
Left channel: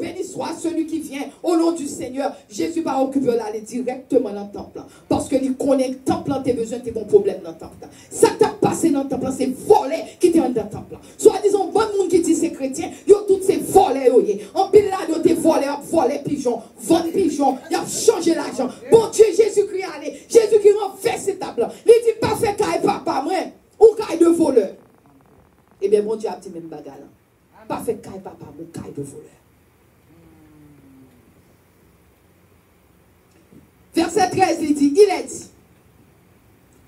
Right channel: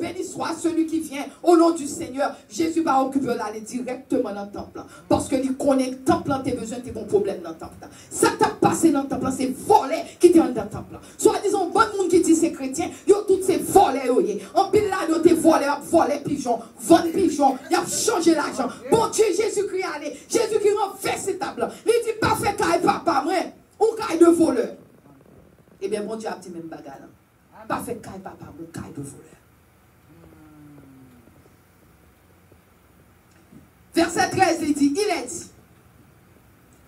béni soit celui qui vient au nom du Seigneur. Jésus va occuper l'aller directement dans le temple. Parce que il connaît le temple, tu as besoin de ton problème dans le temple. Ça t'a passé dans le temple, c'est volé qui t'est dans le temple. Soit disons, bon monde qui dit c'est chrétien, yo tout c'est volé. En pile là, yo t'es volé pigeon, vendre pigeon, il a changé l'argent. Bon Dieu, Jésus-Christ allez, Jésus-Christ renverse ces tables. Il dit pas fait caille papa, moi, ou caille de voleur. Eh bien, mon Dieu a dit même bagarre. Pas fait caille papa, mon caille de voleur. Verset 13, il dit,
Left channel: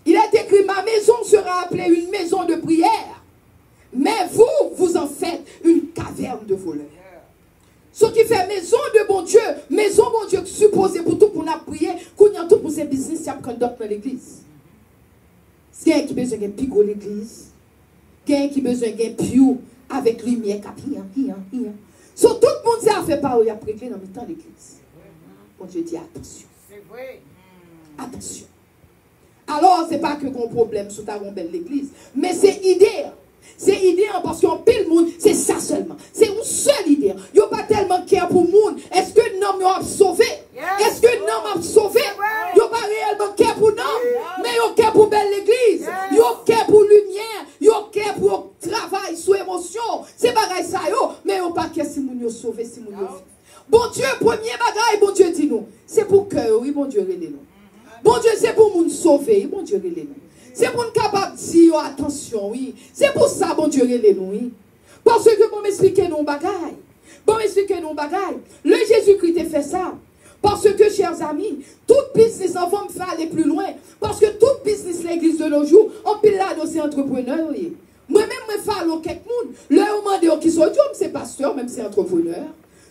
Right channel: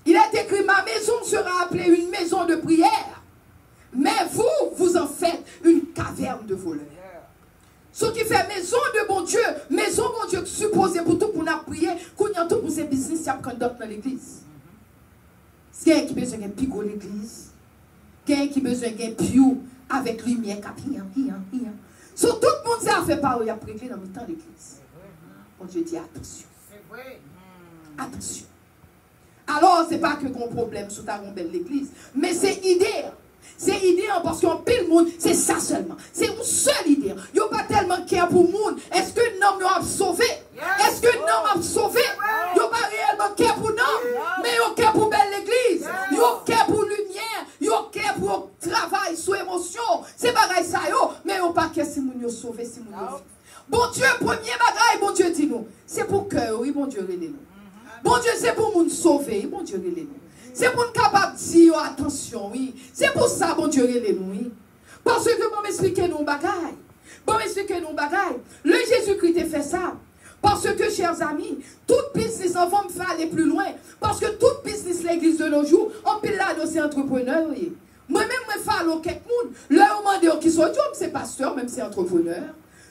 il est écrit, ma maison sera appelée une maison de prière, mais vous en faites une caverne de voleurs. Ce qui fait maison de bon Dieu, supposé pour tout pour nous prier, qu'on y a tout pour ces business, ça prend d'autres dans l'église. S'il y a qui besoin d'un pigot l'église, quelqu'un qui besoin d'un piou avec lumière, so tout le monde a fait pas où il a prêté dans le temps de l'église. Bon Dieu dit attention. Attention. Alors, ce n'est pas que mon problème sous ta rondelle de l'église, mais c'est idée. C'est idée parce qu'on pile le monde, c'est ça seulement. C'est une seule idée. Il n'y a pas tellement de care pour le monde. Est-ce que l'homme a sauvé? Est-ce que l'homme a sauvé? Il n'y a pas réellement de care pour l'homme, mais il y a care pour belle l'église. Il y a care pour lumière. Il y a care pour travail, sous émotion. C'est pareil ça, mais il n'y a pas care si mon sauvé, si mon sauvé. Bon Dieu, premier bagaille, bon Dieu dit nous. C'est pour cœur, oui, bon Dieu, relève nous. Bon Dieu, c'est pour nous sauver, bon Dieu, relève nous. C'est pour nous capable de dire attention, oui. C'est pour ça, bon Dieu, relève nous, oui. Parce que bon m'expliquer nos bagailles. Bon m'expliquer nos bagailles. Le Jésus-Christ a fait ça. Parce que, chers amis, toute business, on va me faire aller plus loin. Parce que toute business, l'église de nos jours, on peut là c'est entrepreneur, oui. Moi-même, je fais à quelqu'un, leur demander qui sont, c'est pasteur, même c'est entrepreneur.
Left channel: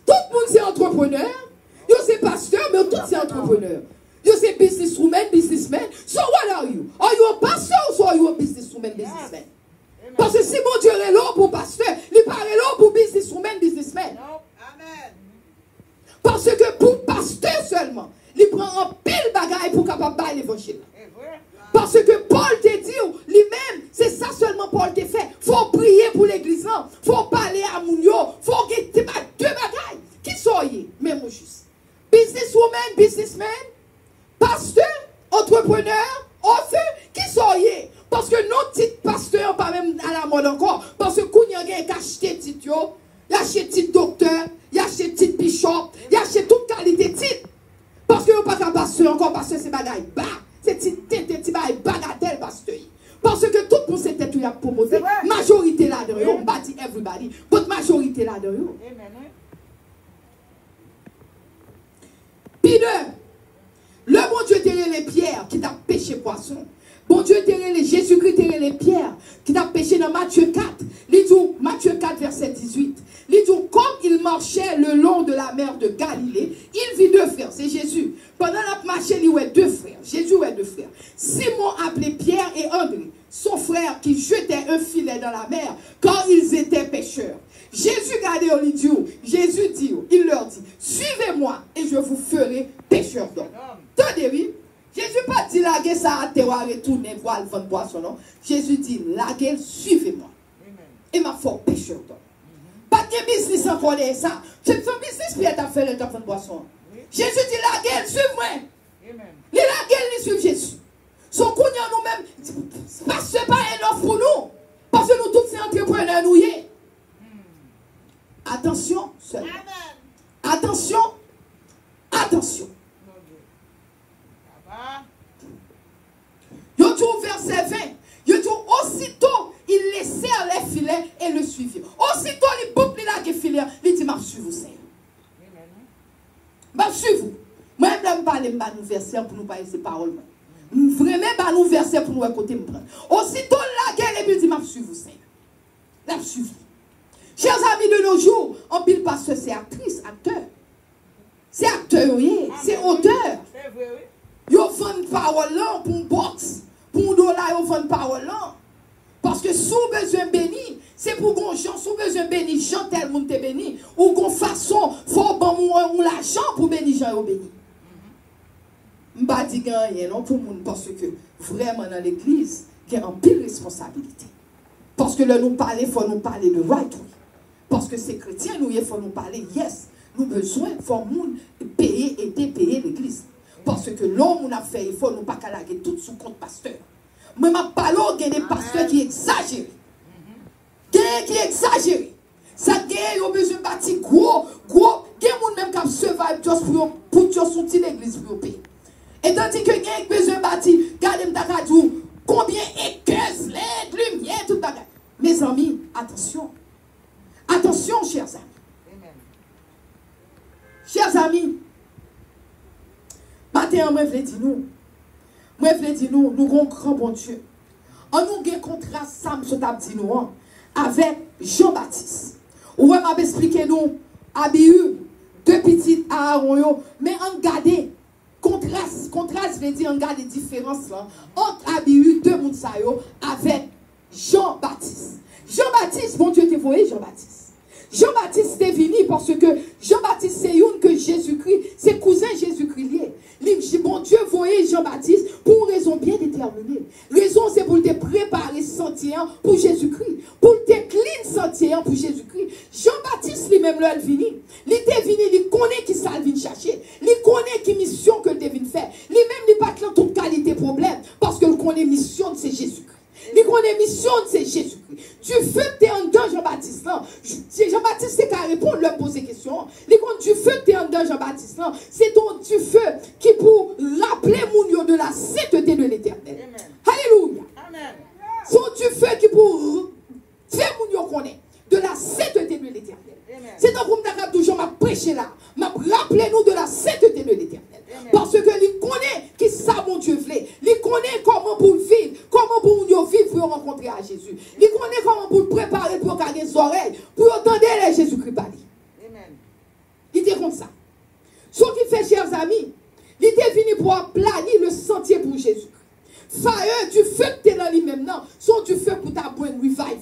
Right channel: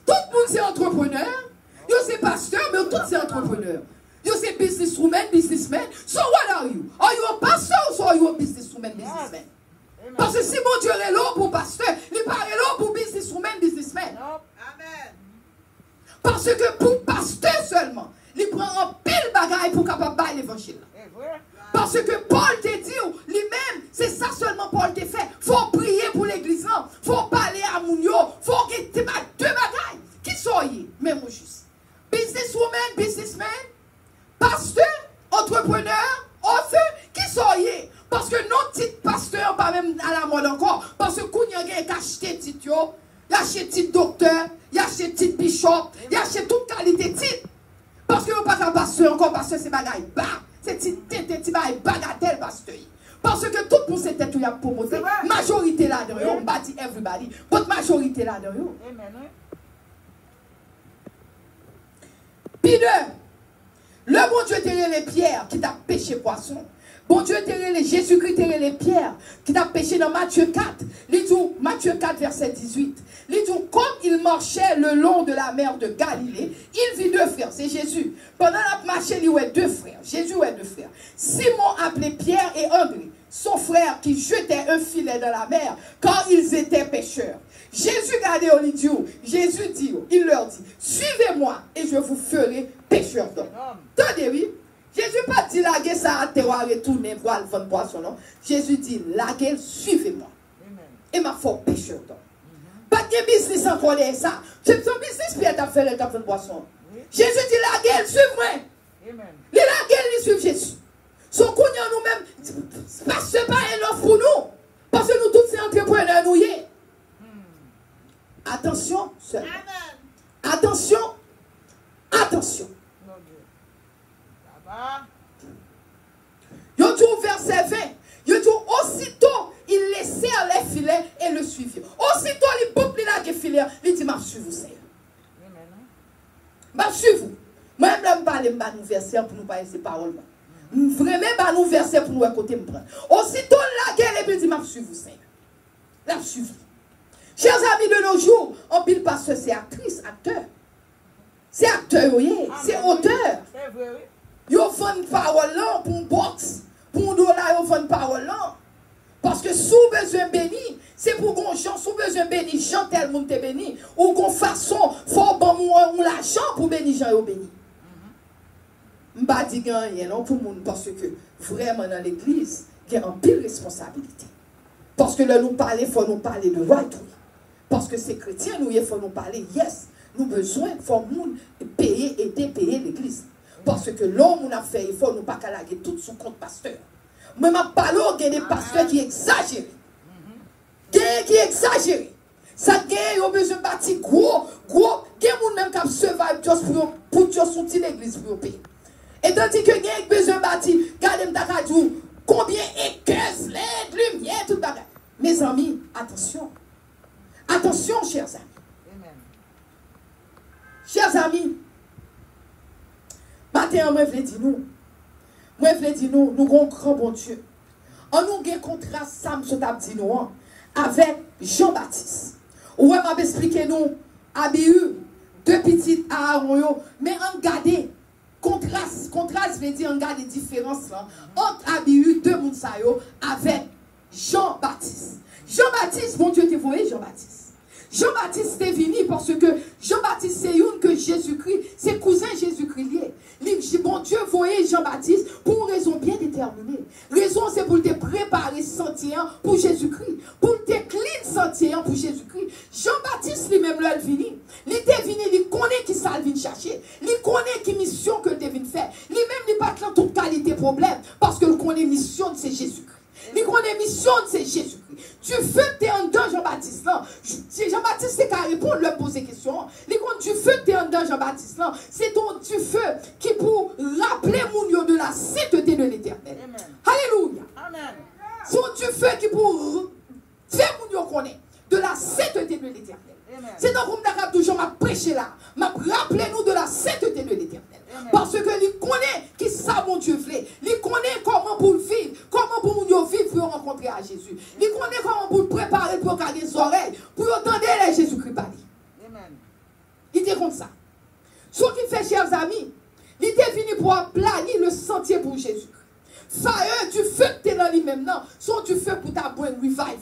Tout le monde c'est entrepreneur. Yo c'est pasteur, mais tout c'est entrepreneur. Yo c'est businessman. So what are you? Are you a pastor or are you a businessman? Parce que si mon Dieu est là pour pasteur, il parle là pour businessman. Amen. Parce que pour pasteur seulement, il prend un pile bagaille pour capable de l'évangile. Parce que Paul te dit, lui-même, c'est ça seulement Paul te fait. Faut prier pour l'église, faut parler à Mounio, faut que tu mettes deux bagailles. Qui soyez, même juste. Businessman, pasteur, entrepreneur, autheur, qui soyez. Parce que nos titres pasteurs, pas même à la mode encore. Parce que quand il y a quelqu'un qui a acheté titre, il a acheté titre docteur, il a acheté titre bishop, il a acheté toute qualité de titre. Parce que vous pas un pasteur encore, pasteur c'est bagaille bas. C'est petit bagatelle pasteur. Parce que tout pour cette tête, il y a promoté. Majorité là-dedans, on bâtit everybody. Votre majorité là-dedans. Puis le bon Dieu t'a les pierres qui t'a pêché poisson. Bon Dieu t'a les Jésus-Christ t'a les pierres qui t'a pêché dans Matthieu 4. Matthieu 4 verset 18. Comme il marchait le long de la mer de Galilée, il vit deux frères, c'est Jésus. Pendant la marche, il y a deux frères. Jésus a deux frères. Simon appelé Pierre et André, son frère qui jetait un filet dans la mer quand ils étaient pêcheurs. Jésus regardait au lit, Jésus dit, il leur dit, suivez-moi et je vous ferai pêcheurs d'hommes. Tenez, oui. Jésus pas dit laguer ça à terre, retourner voir le fond de poisson, non. Jésus dit, laguer, suivez-moi. Et ma foi pêcheur d'hommes. Pas de business encore ça. C'est son business qui est à faire le fond de poisson. Jésus dit, laguer, suivez-moi. Les laguer, ils suivent Jésus. Son couillon nous-mêmes, parce que pas un offre pour nous. Parce que nous tous ces entrepreneurs nous y est. Attention, seul. Attention. Attention. Yo dit au verset 20. Yo dit aussitôt il laissèrent les filets et le suivirent. Aussitôt les peuples là qui filets, il dit m'a suivre vous. M'a suivre vous. Moi je vais parler de nous verset pour nous parler ces paroles. Vraiment bah nous verset pour nous écouter me prendre. Aussitôt la guerre et il dit m'a suivre vous. La suivre. Chers amis de nos jours, on pile parce que c'est actrice, acteur. C'est acteur, oui, c'est auteur. Yo font une parole là pour une boxe. Pour nous là, yo font une parole là. Parce que sous besoin béni, c'est pour qu'on chante, sous besoin béni, chante tel monde te béni. Ou qu'on façon, faut bon ou l'argent pour bénir Jean ou béni. M'ba dit rien non pour monde parce que vraiment dans l'église, il y a une pile responsabilité. Parce que là nous parler, il faut nous parler de right. Parce que ces chrétiens, nous, il faut nous parler, yes, nous besoin, il faut nous payer et dépayer l'église. Parce que l'homme a fait, il faut nous pas calaguer tout sous compte pasteur. Mais ma parole, il y a des pasteurs qui exagèrent. Qui exagèrent. Ça, il y a besoin de bâtir gros. Il y a des gens même qui survive juste pour sortir l'église pour payer. Et tandis que il y a besoin de bâtir, regardez m'takadou, combien équerres, LED, lumière, tout ça. Mes amis, attention. Attention, chers amis. Amen. Chers amis, matin, moi, je veux dire nous. Moi, je veux dire nous avons un grand bon Dieu. On nous a un contrat, Sam, je t'ai dit nous, avec Jean-Baptiste. Où on m'a expliqué nous, Abihu, deux petites Aaron, mais on garde contraste, je veux dire, on garde les différences là, entre Abihu, deux Mounsayo, avec Jean-Baptiste. Jean-Baptiste, mon Dieu, t'es voyé Jean-Baptiste. Jean-Baptiste est venu parce que Jean-Baptiste c'est une que Jésus-Christ, c'est cousin Jésus-Christ lié. Mon Dieu voyait Jean-Baptiste pour une raison bien déterminée. Raison c'est pour te préparer sentier pour Jésus-Christ. Pour te clean sentier pour Jésus-Christ. Jean-Baptiste lui-même là, il venu. Il est venu, il connaît qui ça vient chercher. Il connaît qui mission que tu viens faire. Lui-même il pas de toute qualité problème parce qu'il connaît mission c'est Jésus-Christ. Il connaît mission c'est Jésus-Christ. Du feu que tu es en dedans Jean-Baptiste là. C'est Jean-Baptiste c'est qu'à répondre, leur poser question. Il compte du feu que tu es en dedans Jean-Baptiste là. C'est ton du feu qui pour rappeler mon de la sainteté de l'éternel. Alléluia. C'est du feu qui pour faire mon connaît de la sainteté de l'éternel. C'est donc pour me toujours m'a prêché là. M'a rappelé nous de la sainteté de l'éternel. Parce que il connaît qui ça mon Dieu voulait. Il connaît comment pour vivre, comment pour nous vivre pour rencontrer à Jésus. Il connaît comment pour préparer pour garder les oreilles, pour entendre les Jésus-Christ parler. Il était comme ça. Ce qui fait, chers amis, il était venu pour planifier le sentier pour Jésus. Fire du feu que tu es dans lui-même, non, sont du feu pour ta bonne revival.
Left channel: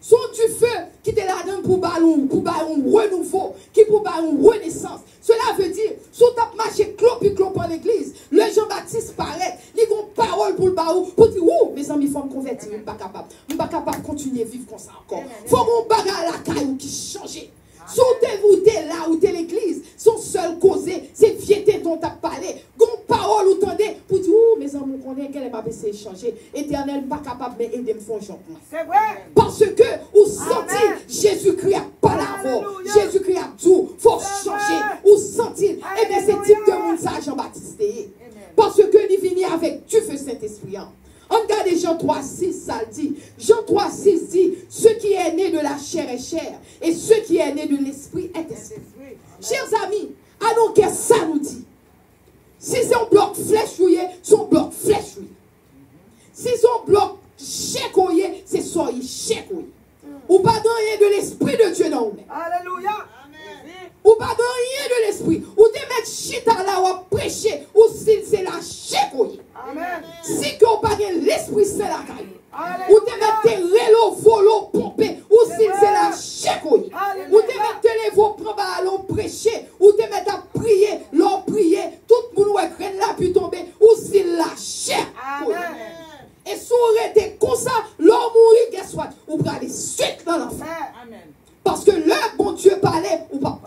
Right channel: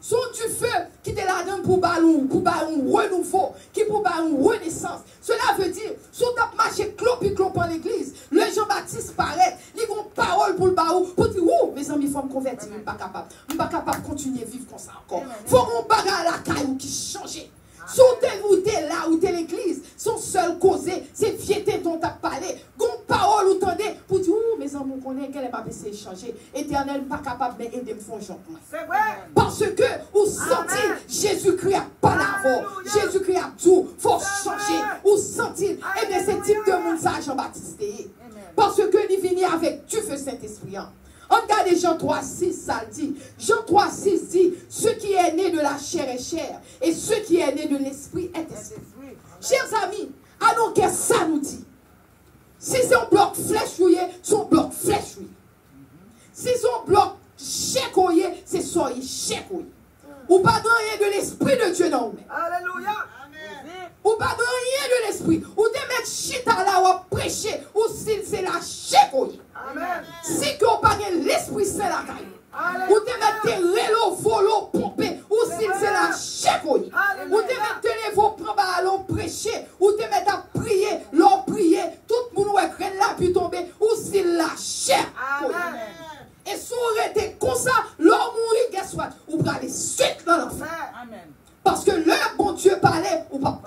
Sont du feu qui te la donne pour ballon renouveau, qui pour ballon renaissance. Cela veut dire, si tu as marché clop en l'église, le Jean-Baptiste paraît, il a une parole pour le baou, pour dire, ouh, mes amis, il faut me convertir, je ne suis pas capable. Je ne suis pas capable de continuer à vivre comme ça encore. Il faut mon bagage à la caille qui change. Si tu es là ou tu es l'église, son seul causé, c'est viété dont tu as parlé. Gon parole ou t'endez pour dire, ouh, mes amis, on connaît qu'elle n'est pas baissée changer. Éternel, pas capable de m'aider, me font changement. C'est vrai. Parce que, ou sentir, Jésus-Christ a pas l'avant. Jésus-Christ a tout. Faut changer. Ou sentir. Et bien, c'est type de monde, ça, Jean-Baptiste. Parce que, il vient avec Dieu, feu Saint-Esprit. On regarde Jean 3,6, ça dit. Jean 3,6 dit, ce qui est né de la chair est chair, et ce qui est né de l'esprit est esprit. Chers amis, à nous que ça nous dit. Si son bloc flèche, son bloc flèche. Si son bloc chèque, c'est son chèque. Ou pas dans rien de l'esprit de Dieu dans vous. Alléluia. Ou pas dans rien de l'esprit. Ou de mettre chita là ou prêcher, ou si c'est la chèque. Amen. Si que vous parlez l'esprit, c'est la caille. Ou te mettez l'élo, volo, pompé, ou si c'est la chèque. Ou te mettez les veaux, prendre ballon, prêcher, ou te mettez à prier, l'on prier, tout le monde est là, puis tomber, ou si la chèque. Et si on était comme ça, l'on mourit, qu'est-ce soit, ou pour aller suite dans l'enfer. Parce que le bon Dieu parlait, ou pas.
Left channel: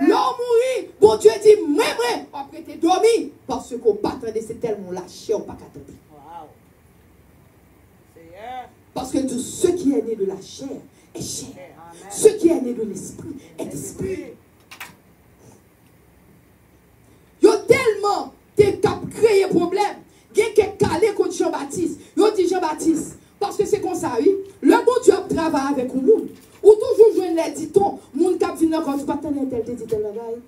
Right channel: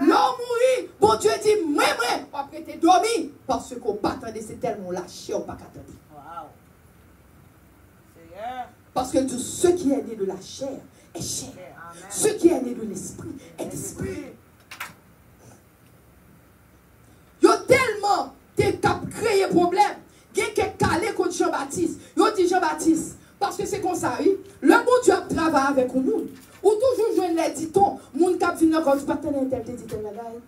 L'on mourit, bon Dieu dit, même, après t'es dormi, parce qu'on pas attendre, c'est tellement lâché, on pas attendre. Parce que tout ce qui est né de la chair est chair. Ce qui est né de l'esprit est esprit. Yo tellement t'es créé problème. Il y a quelqu'un calé contre Jean-Baptiste. Yo dit Jean-Baptiste. Parce que c'est comme ça, oui. Le bon Dieu travaille avec nous. Ou toujours jouer les ditons. Moun kap vin encore, je pas t'en tel dit tel bagay.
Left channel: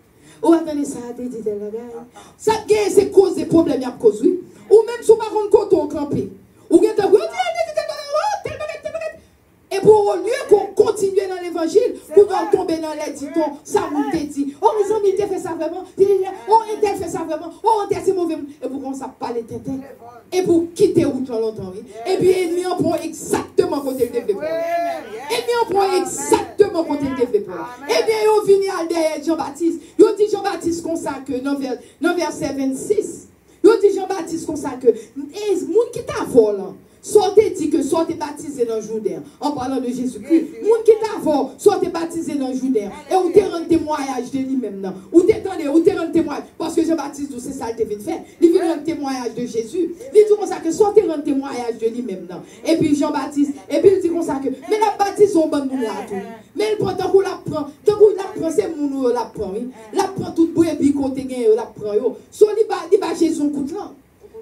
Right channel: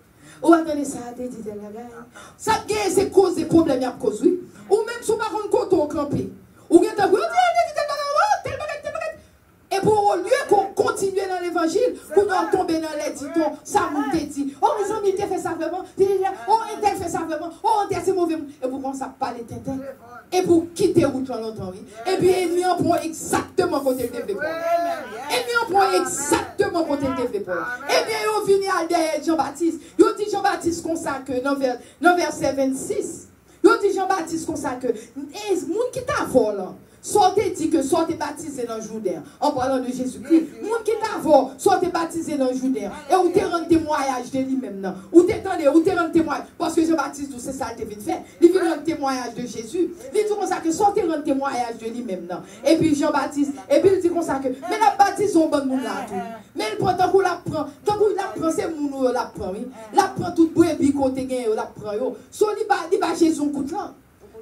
Ou attendez ça, dit tel bagay. Ça gagne c'est cause des problèmes à cause oui. Ou même sous par contre côté au campé. Ou bien tel bagay. Et pour au lieu qu'on continue dans l'évangile, pour qu'on tombe dans les ditons, ça nous dit. Oh, les amis, ils fait ça vraiment. Oh, ils fait ça vraiment. Oh, c'est mauvais. Et pour qu'on ça parle tête. Et pour quitter route longtemps. Et puis, ennemi en prend exactement côté le développement. Ennemi en prend exactement côté le développement. Et bien, ils viennent à derrière Jean-Baptiste. Ils dit Jean-Baptiste comme ça que dans verset 26. Ils dit Jean-Baptiste comme ça que les gens qui t'a volé. Soit tu dit que soit tu es baptisé dans le Jourdain, en parlant de Jésus-Christ. Moun qui t'avant, soit tu es baptisé dans le Jourdain, et où tu rends témoignage de lui-même. Ou tu rends témoignage, parce que Jean-Baptiste, c'est ça qu'il vient faire. Il vient rendre témoignage de Jésus. Il dit comme ça que soit tu rends témoignage de lui-même. Et puis Jean-Baptiste, et puis il dit comme ça que, mais la baptise, on va nous là tout. Mais il prend tant qu'on l'apprend, c'est moun ou l'apprend, oui. L'apprend tout pour et puis côté gain, l'apprend, yo. Soit il va Jésus coup de là.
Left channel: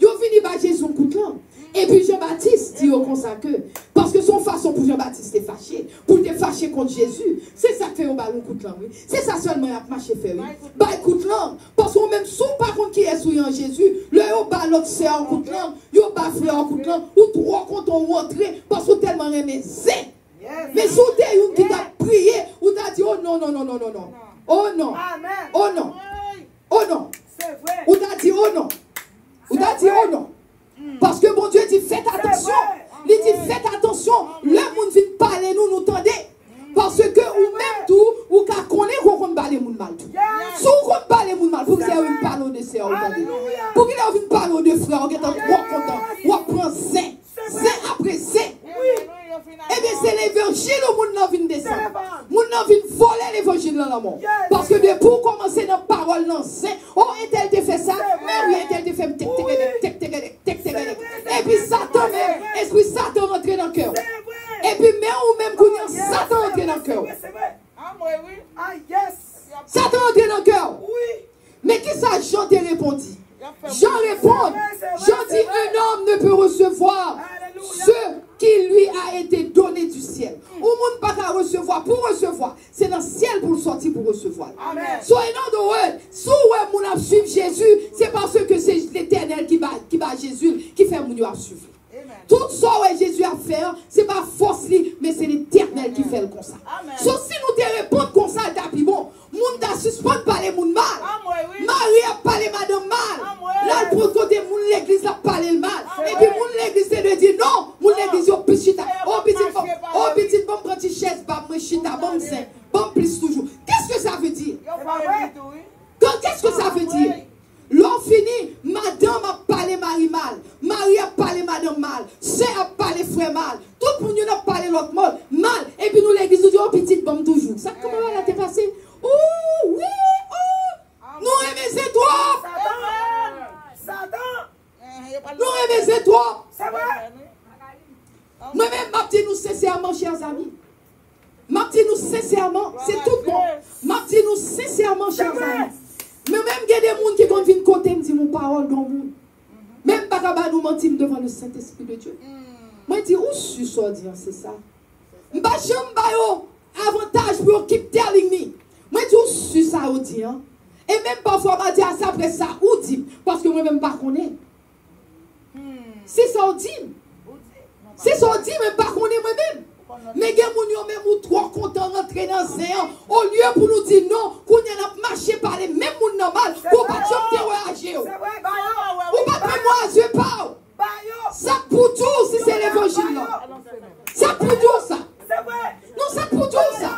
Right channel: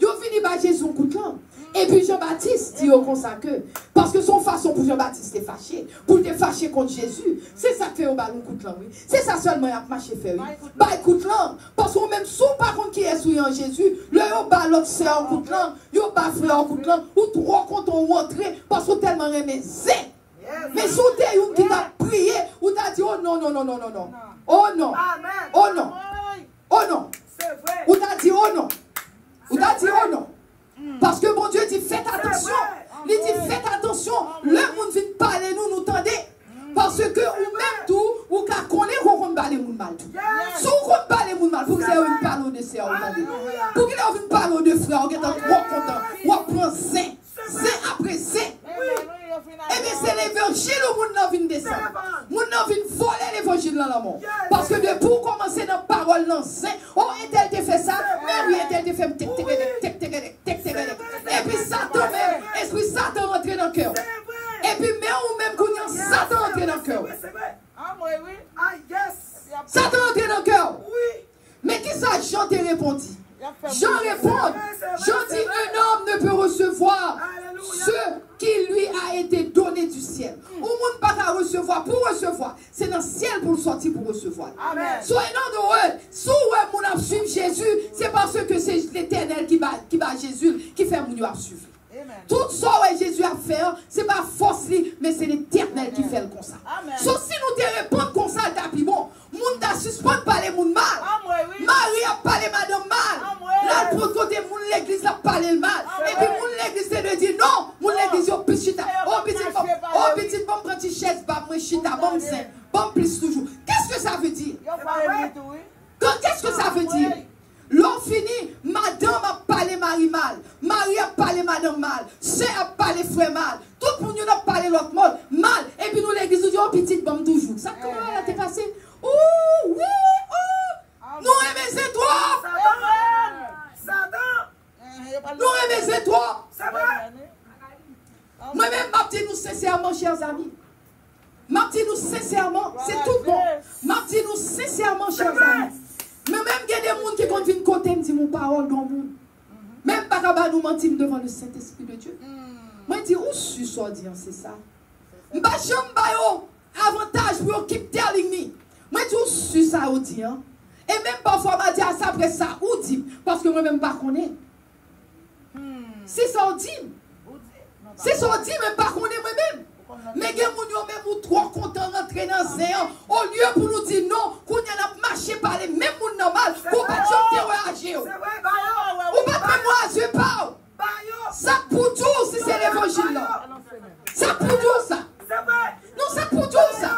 Yo fini par Jésus coup de là. Et puis Jean-Baptiste dit au consacré, parce que son façon pour Jean-Baptiste est fâché, pour te fâcher contre Jésus, c'est ça que fait au ballon coup de langue, oui. C'est ça seulement il a marché faire, oui. Bah écoute langue, parce qu'on même sous par contre qui est souillé en Jésus, le yo bas l'autre sœur en coup de langue, yo bas frère en coup de langue, ou trois quand on rentre, parce qu'on tellement aimé c'est. Mais sous t'es une qui t'a prié, ou t'as dit oh non, non, non, non, non, non. Oh non. Oh non. Oh non. Ou t'as dit oh non. Ou t'as dit oh non. Parce que mon Dieu dit faites attention. Il dit faites attention. Le monde vient parler nous tendez. Parce que ou même tout, ou qu'à connaître qu'on parle les mal. Si on parle les mal, pour qu'il y ait une parole de sœur, pour qu'il y ait une parole de frère, on est trop content. On prend c'est après c'est. Et bien c'est l'évangile où nous vient descendre. Nous vient voler l'évangile dans l'amour. Parce que de pour commencer dans la parole, dans saint, oh, et tel fait ça, mais oui, et tel fait et puis Satan, esprit Satan rentre dans le cœur. Et puis mais ou même quand Satan rentre dans le cœur. Satan rentre dans le cœur. Mais qui ça Jean te répondit? Jean répond. Jean dit un homme ne peut recevoir ce qui lui a été donné du ciel. Ou monde pas qu'à recevoir pour recevoir. C'est dans le ciel pour le sortir pour recevoir. Soyez non de word. Si vous avez suivre Jésus, c'est parce que c'est l'Éternel qui va Jésus qui fait mon suivre. Tout ça que Jésus a fait, ce n'est pas force, mais c'est l'Éternel qui fait le comme ça. Sauf si nous te répondons comme ça, t'as bon, moun t'a suspend parler moun mal. Marie a parlé madame mal. Là, pour côté moun l'église a parlé le mal. Et puis moun l'église c'est de dire non, moun l'église au petit chita. Oh petit bon prendre une chaise, bah moi chita, bon c'est, bon plus toujours. Qu'est-ce que ça veut dire? Qu'est-ce que ça veut dire? L'on finit, madame a parlé Marie mal, Marie a parlé madame mal, sœur a parlé frère mal, tout le monde a parlé l'autre mal, et puis nous l'église nous dit, oh petite bombe toujours. Ça comment là t'es passé? Oh oui, oh, nous aimons c'est toi. Nous aimons c'est toi. Moi-même, ma petite nous sincèrement, chers amis. Ma petite nous sincèrement, c'est tout bon. Ma petite nous sincèrement, chers amis. Mais même il y a des gens qui sont venus côté me dire mon parole dans le monde. Même pas qu'à nous mentir devant le Saint-Esprit de Dieu. Moi, je dis, où je suis sorti, c'est ça. Je ne vais pas avantage pour quitter la ligne. Moi, je dis, où je suis ça, ou dit. Et même parfois, je dis à ça, après ça, ou dit. Parce que moi-même, je ne connais pas. C'est ça, ou dit. C'est ça, ou dit, mais je ne connais pas moi-même. Mais les gens même ou trop contents rentrer dans le Seigneur. Au lieu pour nous dire non, qu'on y a marché par les mêmes gens normaux, ou pas de réagir. Ou pas de réagir pas. Ça pour tout si c'est l'évangile là. Ça pour tout ça. Non, ça pour tout ça.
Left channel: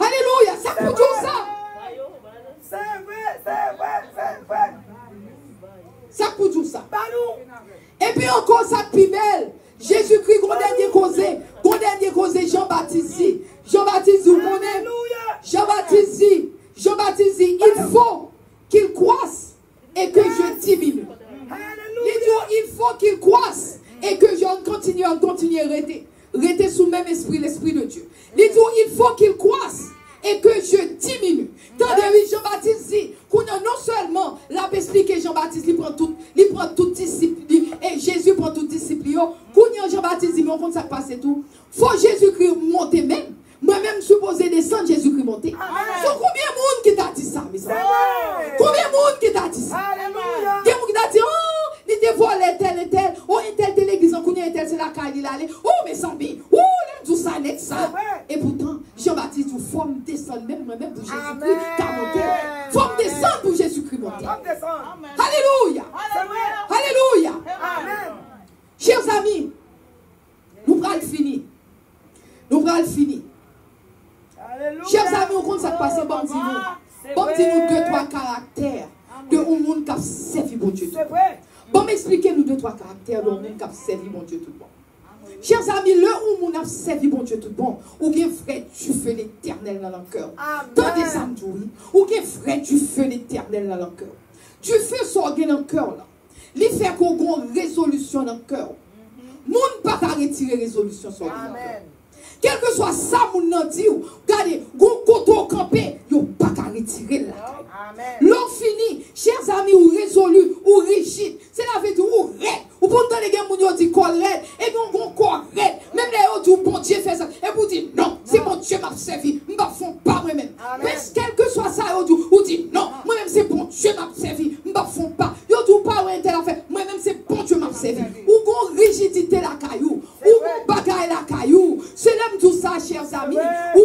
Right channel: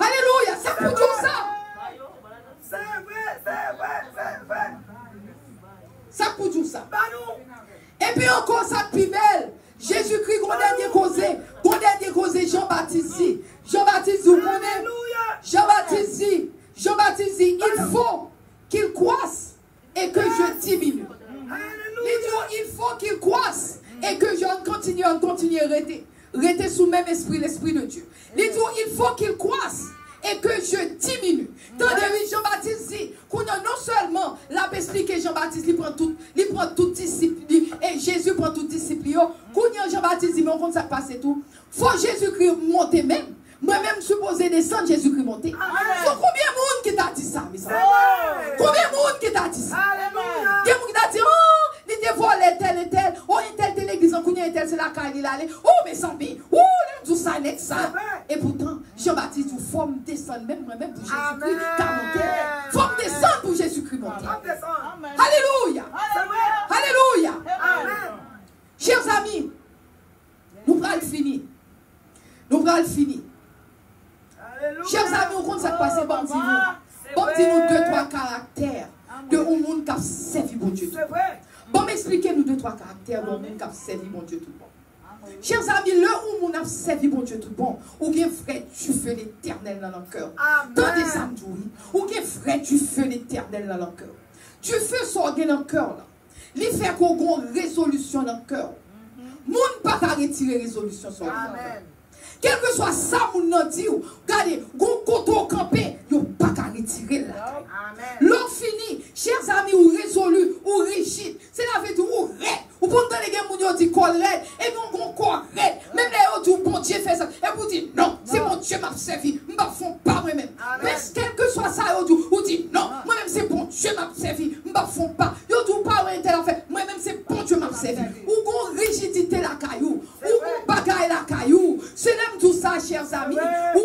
Alléluia, ça pour tout ça. Ça pour tout ça. Et puis encore ça plus belle. Jésus-Christ, qu'on a dernier causé, Jean-Baptiste dit. Jean-Baptiste dit, vous connaissez? Jean-Baptiste dit, il faut qu'il croisse et que je diminue. Il faut qu'il croisse et que je continue continuer à rester sous le même esprit, l'esprit de Dieu. Il dit, il faut qu'il croisse et que je diminue. Tandis que Jean-Baptiste dit, qu'on a non seulement l'a expliqué Jean-Baptiste, il prend tout discipline, et Jésus prend tout discipline. Qu'on a Jean-Baptiste dit, mais on compte ça passer tout. Faut Jésus-Christ monter même. Moi-même, supposé descendre, Jésus-Christ monter. Faut combien de monde qui t'a dit ça, mes amis? Combien de monde qui t'a dit ça? Alléluia. Des gens qui t'a dit, oh, il dévoile tel et tel, oh, un tel l'église, on connaît un tel, c'est la caille, il allait, oh, mes amis, oh, tout ça, net ça. Et pourtant, Jean-Baptiste, il faut me descendre, même moi-même pour Jésus-Christ, car monter. Il faut me descendre pour Jésus-Christ monter. Alléluia. Alléluia. Chers amis, nous allons finir. Nous allons finir. Chers amis, on compte ça passer, bon, dis-nous 2-3 caractères de un monde qui a servi bon Dieu. Bon, m'expliquez-nous 2-3 caractères de un monde qui a servi bon Dieu tout bon. Chers amis, le où on a servi bon Dieu tout bon, ou bien frère, tu fais l'éternel dans le cœur. Dans des samedis, ou bien frère, tu fais l'éternel dans le cœur. Tu fais sortir dans le cœur là. Il fait qu'on ait une résolution dans le cœur. Moun pas qu'à retirer résolution sur le cœur. Quel que soit ça, mon nom dit, regardez, gon koto campé, yo pas qu'à retirer là. L'on fini, chers amis, ou résolu, ou rigide, c'est la vie ou raide, ou pour les gens, moun dit colère, et gon correct, même les autres, bon Dieu fait ça, et vous dites, non, c'est bon Dieu m'a servi, je ne fais pas moi-même. Mais quel que soit ça, vous dites, non, moi-même c'est bon Dieu m'a servi, je ne fais pas. Vous dites, pas un tel affaire, moi-même c'est bon Dieu m'a servi. Ou gon rigidité la caillou, ou gon bagaille la caillou, c'est même tout ça, chers amis, ou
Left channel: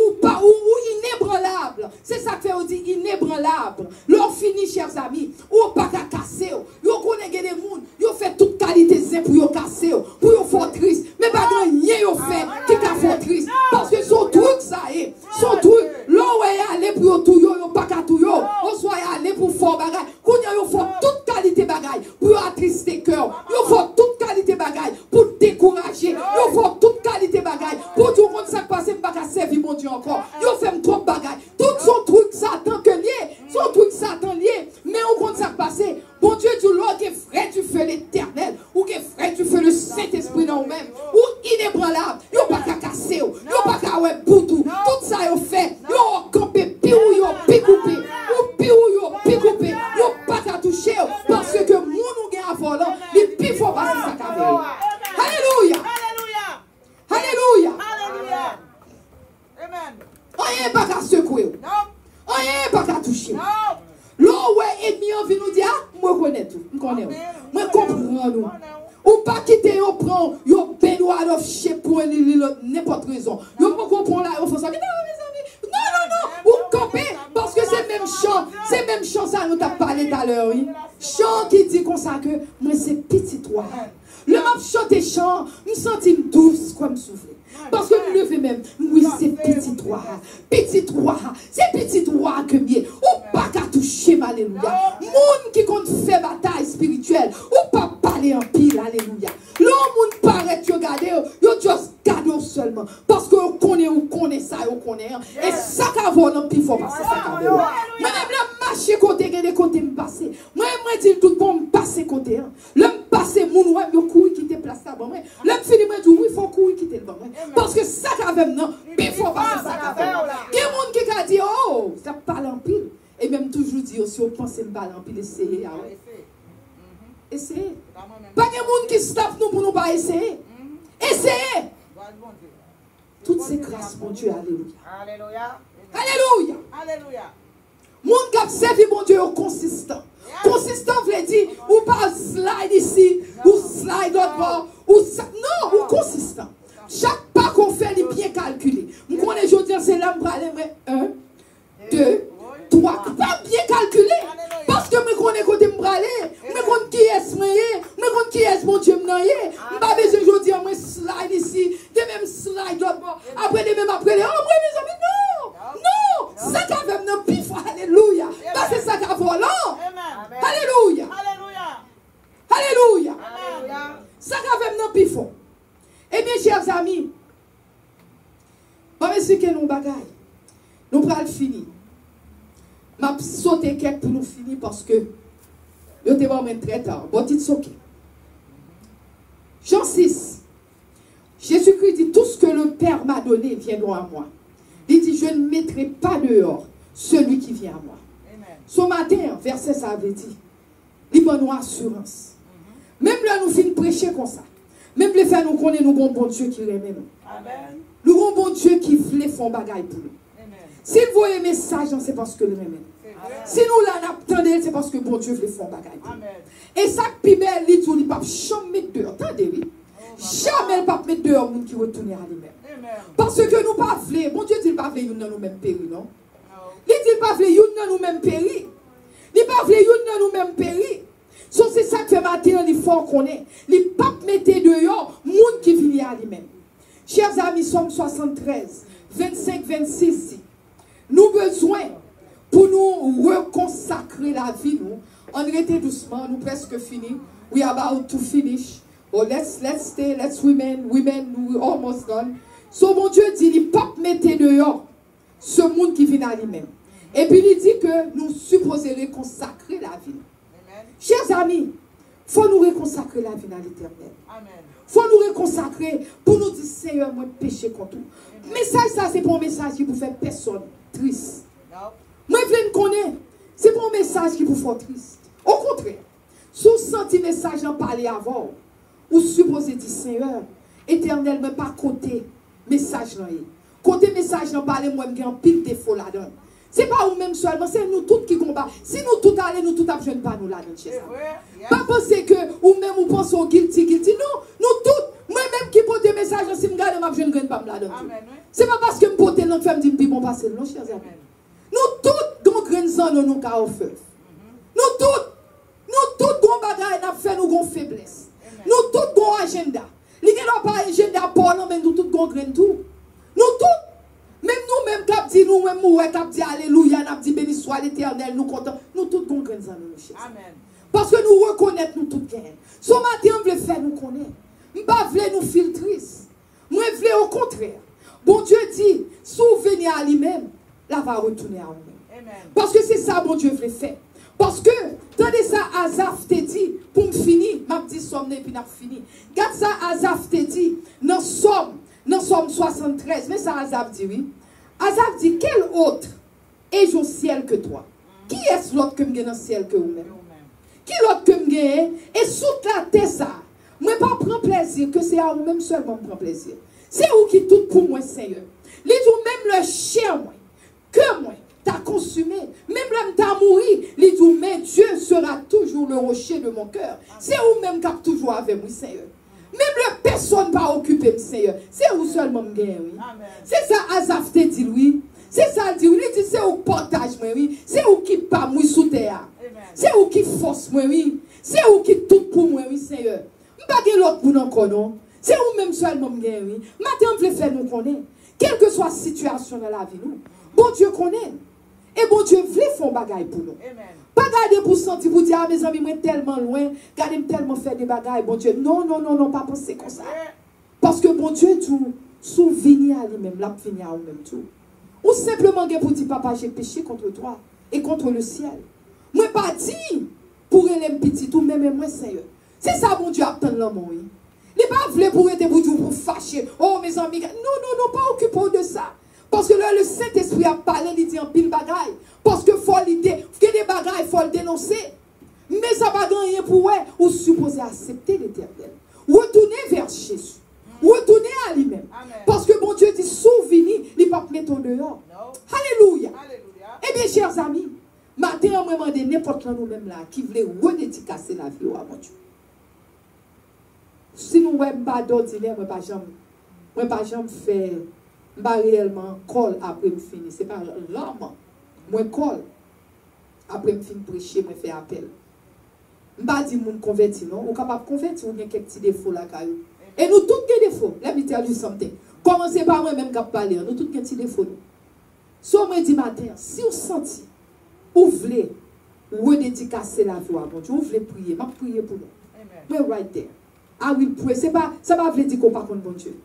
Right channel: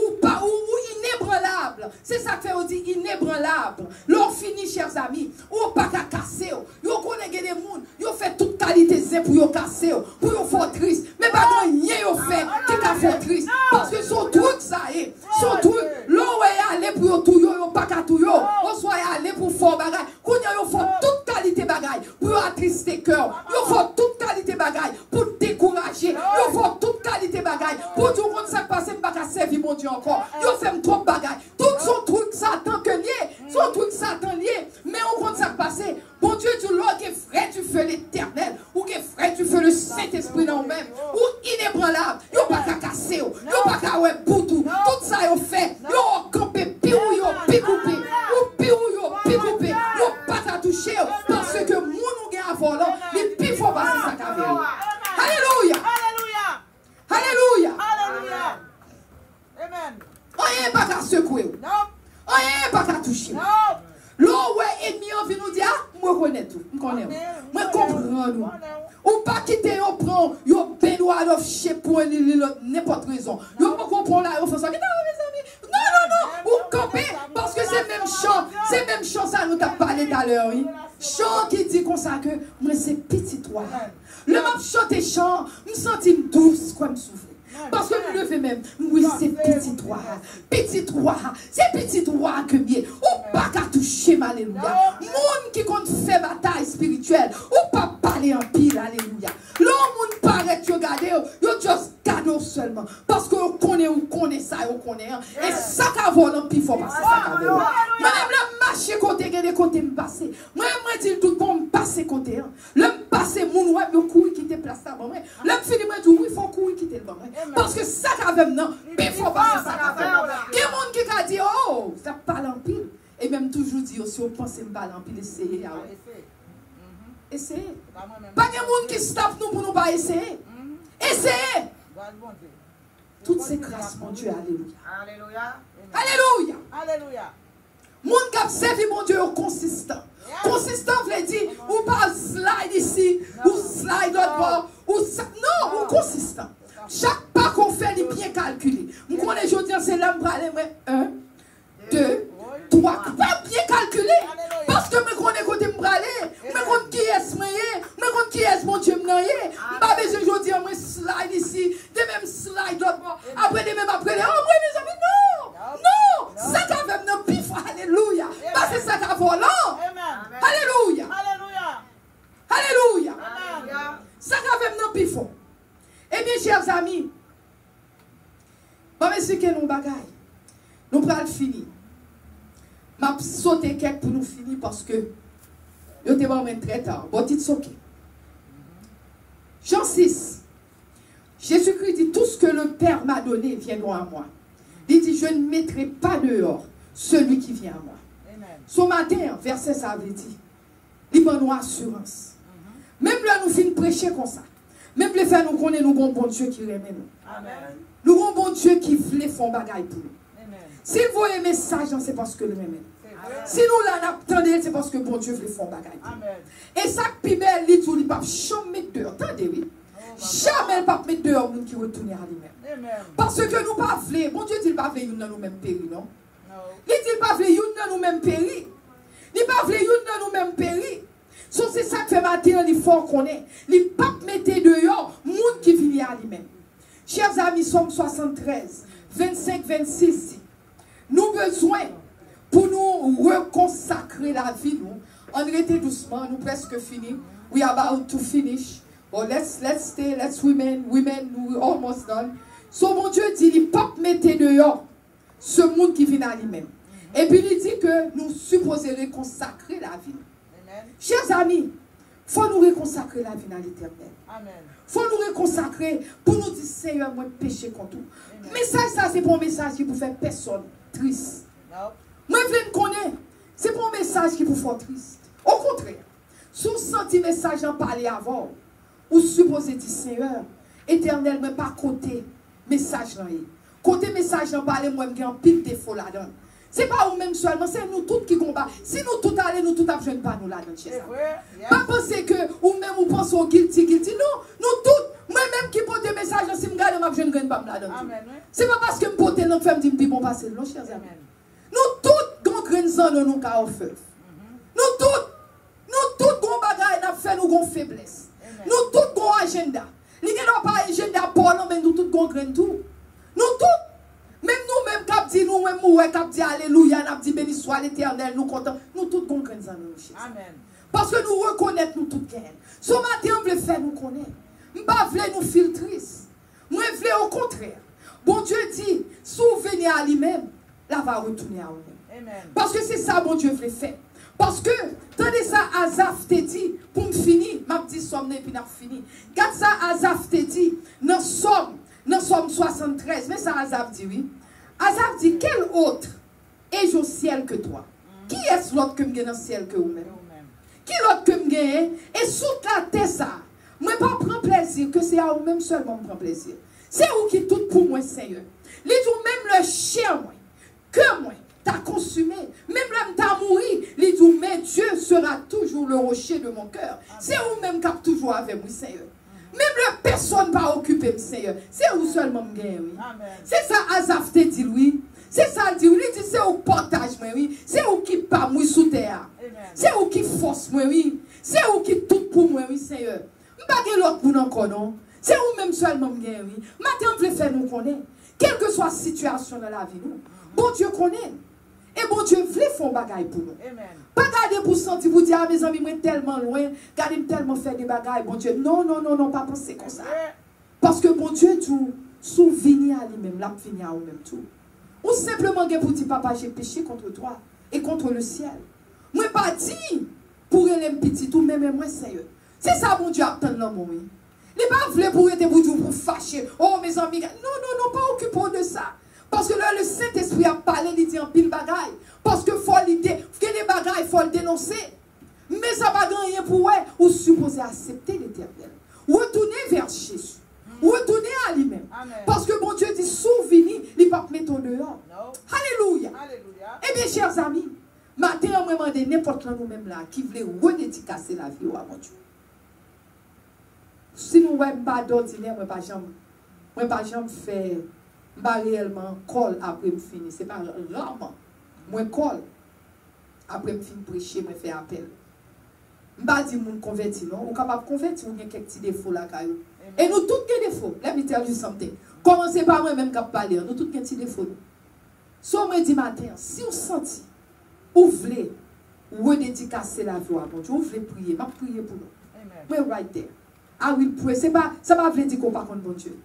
inébranlable. C'est ça que on dit inébranlable. L'on finit, chers amis, ou pas qu'à casser, vous connaissez des gens, vous faites toute qualité pour vous casser, pour vous faire triste, mais pas de rien vous fait qui t'a fait triste. Parce que son truc, ça est, son truc, l'on est allé pour tout, vous pas qu'à tout, on soit allé pour faire bagaille, qu'on y a fait toute qualité bagaille, pour attrister cœur, vous faites toute qualité bagaille, pour décourager, vous faites toute qualité bagaille, pour tout le monde ça passe, pas qu'à servir mon Dieu encore, vous faites trop bagaille, tout son truc, Satan que lié, son truc, Satan lié, mais on compte ça passer, bon Dieu, du Lord, que frère, tu fais l'éternel, ou que frère, tu fais le Saint-Esprit dans vous-même, ou inébranlable, vous pas qu'à casser, vous pas qu'à ouais boutou, tout ça, vous fait, vous campez, piou, picoupé, ou piou, picoupé, vous pas qu'à toucher, parce que mon nous gagne à volant, il pif faut passer sa caméra. Alléluia. Alléluia. Alléluia. Amen. On n'est pas qu'à secouer, on n'est pas qu'à toucher. L'eau, ouais, ennemi, on vient nous dire, ah, moi, connais tout, je connais, moi, comprends, nous. Ou pas quitter, on prend, on bénoit, on chie pour n'importe raison. On pas comprendre là, on fait ça, non, mes amis, non, ou camper, parce que c'est même chant, ça nous t'a parlé tout à l'heure, oui. Chant qui dit comme ça que, moi, c'est petit toi. Le m'a chanté chant, me sentis douce, comme souffler. Parce que nous levons même, oui, c'est petit toi, c'est petit toi que bien, ou pas qu'à toucher, alléluia. Moun qui compte faire bataille spirituelle, ou pas parler en pile, alléluia. L'homme moun paraît que regardez, yo juste cadeau seulement, parce que on connaît ça, on connaît, et ça qu'a volé en pile, faut passer ça qu'a volé. Moi-même, le marché côté, il y a des côtés me passer. Moi-même, moi, dis tout le monde passer côté, le passer, moun ouais, le couille qui te place là, moi, le fini, moi, dis oui, il faut couille qui te là, parce que ça qu'a fait maintenant, il faut passer ça qu'a fait. Il y a des gens qui a dit, oh, ça parle en pile. Et même toujours dire, si on pense que parle en pile, essayez. Essayez. Pas de gens qui staffent nous pour nous pas essayer. Essayez. Toutes ces grâces, mon Dieu, alléluia. Alléluia. Alléluia. Alléluia. Mon qui a servi mon Dieu consistant. Consistant veut dire, ou pas slide ici, ou slide l'autre bord, ou non, ou consistant. Chaque pas qu'on fait, il est bien calculé. Moi, les jours, c'est là, je 1, 2, 3, pas bien calculé. Parce que je connais côté me braler, je connais qui est moyen, je connais qui est mon Dieu moyen. Je pas besoin de dire, moi, slide ici, de même slide l'autre bord. Après, de même après, oh, oui, mes amis, non, non, ça qu'a fait un pif, alléluia. Parce que ça qu'a volant. Alléluia. Alléluia. Ça qu'a fait un pif. Eh bien, chers amis, on va expliquer nos bagailles. Nous allons finir. Je vais sauter quelques pour nous finir parce que nous devons mettre très tard. Bon, dites sauter. Jean 6. Jésus-Christ dit, tout ce que le Père m'a donné viendra à moi. Il dit, je ne mettrai pas dehors celui qui vient à moi. Amen. Ce matin, verset ça avait dit, il donne nous assurance. Même là, nous finissons prêcher comme ça. Même les faire nous connaissons, nous avons bon Dieu qui aime nous. Amen. Nous avons bon Dieu qui voulait faire bagaille pour nous. Amen. S'il voyait message, c'est parce que le même. Si nous l'attendons, c'est parce que bon Dieu veut faire bagaille pour nous. Amen. Et ça, Pimel, il dit, il ne peut jamais mettre dehors. Attendez, oui. Jamais il ne peut pas mettre dehors nous qui retournent à lui-même. Amen. Parce que nous pas voulons. Bon Dieu dit, il ne peut pas venir dans nous-mêmes périr, non? No. Il dit, il ne peut pas venir dans nous-mêmes périr. Il ne peut pas venir dans nous-mêmes périr. So, c'est ça que matin, il faut qu'on ait. Il ne peut pas mettre dehors le monde qui vient à lui-même. Chers amis, Somme 73, 25, 26. Nous besoin pour nous reconsacrer la vie, nous. On était doucement, nous presque fini. We are about to finish. Oh, let's stay, let's women, we almost done. So, mon Dieu dit, il ne peut pas mettre dehors ce monde qui vient à lui-même. Et puis, il dit que nous supposons reconsacrer la vie. Amen. Chers amis, il faut nous reconsacrer la vie dans l'éternel. Amen. Il faut nous reconsacrer pour nous dire, Seigneur, moi, péché contre nous. Message, ça, c'est pour un message qui vous fait personne triste. No. Moi, je me connais. C'est pour un message qui vous fait triste. Au contraire, si vous sentez le message en parler avant, ou supposez dire, Seigneur, éternel, mais pas côté message là. Côté message en parler, moi, je un pile défaut là-dedans. C'est pas vous-même seulement, c'est nous tous qui combattons. Si nous tous allons, nous tous apprennent pas nous là-dedans. C'est vrai. Yeah. Pas penser que ou-même vous pensez au guilty. Non, nous tous, moi-même qui porte des messages, si je regarde, je ne gagne pas là-dedans. Amen. Oui. C'est pas parce que je porte notre femme dit que bon passer, non, chers amis. Amen. Nous tous, nous graines dans nos cas au feu. Nous tous, nous bagaille n'a fait nous gon faiblesse. Nous tous gon agenda. Li gen pas agenda pour nous, mais nous tous gon graine tout. Nous tous, même nous-mêmes cap dit nous même ouais cap dit alléluia, n'a dit béni soit l'Éternel, nous content. Nous tous gon graine dans nous. Amen. Parce que nous reconnaissons nous toutes gain. Ce matin on veut faire nous connaître. On pas veut nous filtrer. Moi veut au contraire. Bon Dieu dit, souvenez à lui-même, là va retourner à nous. Amen. Parce que c'est ça bon Dieu veut faire. Parce que, tenez ça, Azaf te dit, pour me finir, m'a dit somme et puis n'a fini. Regarde ça, Azaf te dit, dans Somme 73, mais ça Azaf dit, oui. Azaf dit, quel autre est-je au ciel que toi? Qui est-ce l'autre que me gagne dans le ciel que vous-même? Qui l'autre que me gagne? Et sous la terre ça, moi pas prendre plaisir, que c'est à vous-même seulement prendre plaisir. C'est vous qui tout pour moi, Seigneur. Les vous-même le chien, moi, que moi, t'as consumé. Même l'homme t'a mouru. Les dit, mais Dieu sera toujours le rocher de mon cœur. C'est vous-même qui êtes toujours avec vous, Seigneur. Même la personne va occuper, Seigneur. C'est vous seulement qui gagne, oui. C'est ça, Azaf te dit, oui. C'est ça, dit, oui. Il dit, c'est vous partage, moi, oui. C'est vous qui pas moi sous terre. C'est vous qui force, moi, oui. C'est vous qui tout pour moi, oui, Seigneur. Je ne pas l'autre pour nous encore, non. C'est vous-même seulement qui gagne, oui. Maintenant, on veut faire nous connaître. Quelle que soit la situation dans la vie, nous. Bon Dieu connaît. Et bon Dieu voulait faire un bagaille pour nous. Amen. Pas garder pour sentir, pour dire, ah, mes amis, moi tellement loin, garder tellement faire des bagailles, bon Dieu. Non, non, non, non, pas penser comme ça. Parce que bon Dieu, tout, souvenir à lui-même, l'a fini à lui-même tout. Ou simplement, pour dire, papa, j'ai péché contre toi et contre le ciel. Moi, pas dit, pour aller petit, tout, même moi, Seigneur. C'est ça, bon Dieu, attend l'homme, oui. Il n'est pas voulu pour être pour fâcher. Oh, mes amis, non, non, non, pas occupé de ça. Parce que là, le Saint-Esprit a parlé, il dit en pile bagaille. Parce que faut l'idée, que les bagailles, il faut le dénoncer. Mais ça va rien pour eux, ou supposé accepter l'Éternel. Retourner vers Jésus. Retourner à lui-même. Parce que mon Dieu dit, souvenir, il ne va pas mettre au dehors. Alléluia. Alléluia. Eh bien, chers amis, maintenant, on me demande n'importe nous-mêmes là, qui voulait redédicacer la vie à mon Dieu. Si nous ne pas d'ordinaire, je ne vais pas faire. Je ne vais pas réellement coller après me finir. Ce n'est pas rarement. Moi, colle. Après me finir prêcher, me faire appel. Je ne vais pas dire que je me convertis, non. On est capable de convertir, on a quelques petits défauts là. Et nous tous des défauts. Let me tell you something. Commencez par moi-même qui parler. Nous tous des petits défauts. So, moi, dis matin, si vous sentez, vous voulez redédicacer la vie à mon Dieu, vous voulez prier, je vais prier pour vous. Mais right there. I will pray. Ça ne veut pas dire qu'on ne pas contre bon Dieu.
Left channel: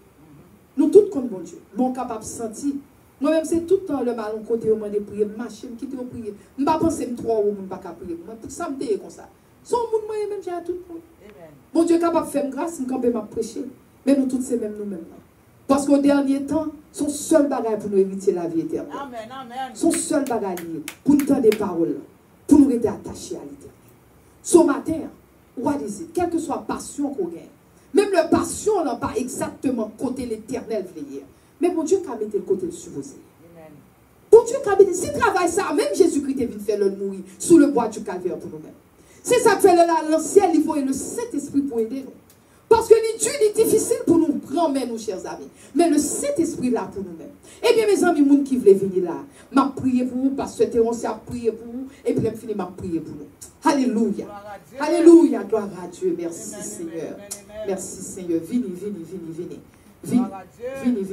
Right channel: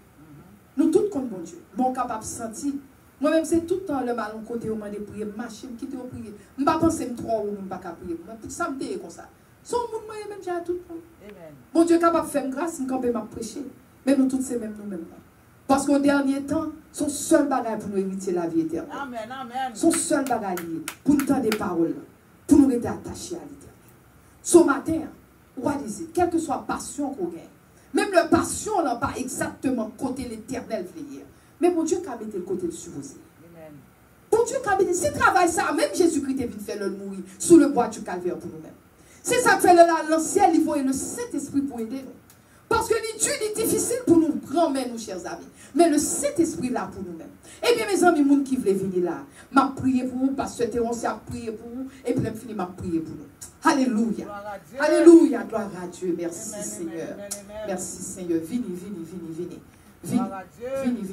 Nous tous contre bon Dieu. Nous sommes capables de sentir. Moi-même, c'est tout le temps le mal côté où je vais prier, machine, qui te prier. Je ne vais pas penser que trois ou je ne vais pas prier. Ça me dit comme ça. Son monde, moi-même, j'ai tout le monde. Bon Dieu est capable de faire grâce, je vais prêcher. Mais nous tous, c'est même nous-mêmes. Parce qu'au dernier temps, son seul bagage pour nous hériter la vie éternelle. Amen, amen. Son seul bagage pour nous donner des paroles, pour nous rester attachés à l'éternel. Ce matin, on va dire, quelle que soit la passion qu'on gagne, même la passion n'a pas exactement côté l'éternel veillé. Mais mon Dieu, quand même, le côté supposé. Bon Dieu, quand même, si travail ça, même Jésus-Christ est venu faire le mourir sous le bois du calvaire pour nous-mêmes. C'est ça que fait le ciel, il faut le Saint-Esprit pour aider nous. Parce que les Dieu est difficile pour nous prendre, nos chers amis. Mais le Saint-Esprit là pour nous-mêmes. Eh bien, mes amis, les gens qui veulent venir là, m'a prié pour vous, parce que Théron a prié pour vous, et puis je finis m'a prié pour vous. Alléluia. Alléluia. Gloire à Dieu. Merci Seigneur. Merci Seigneur. Venez.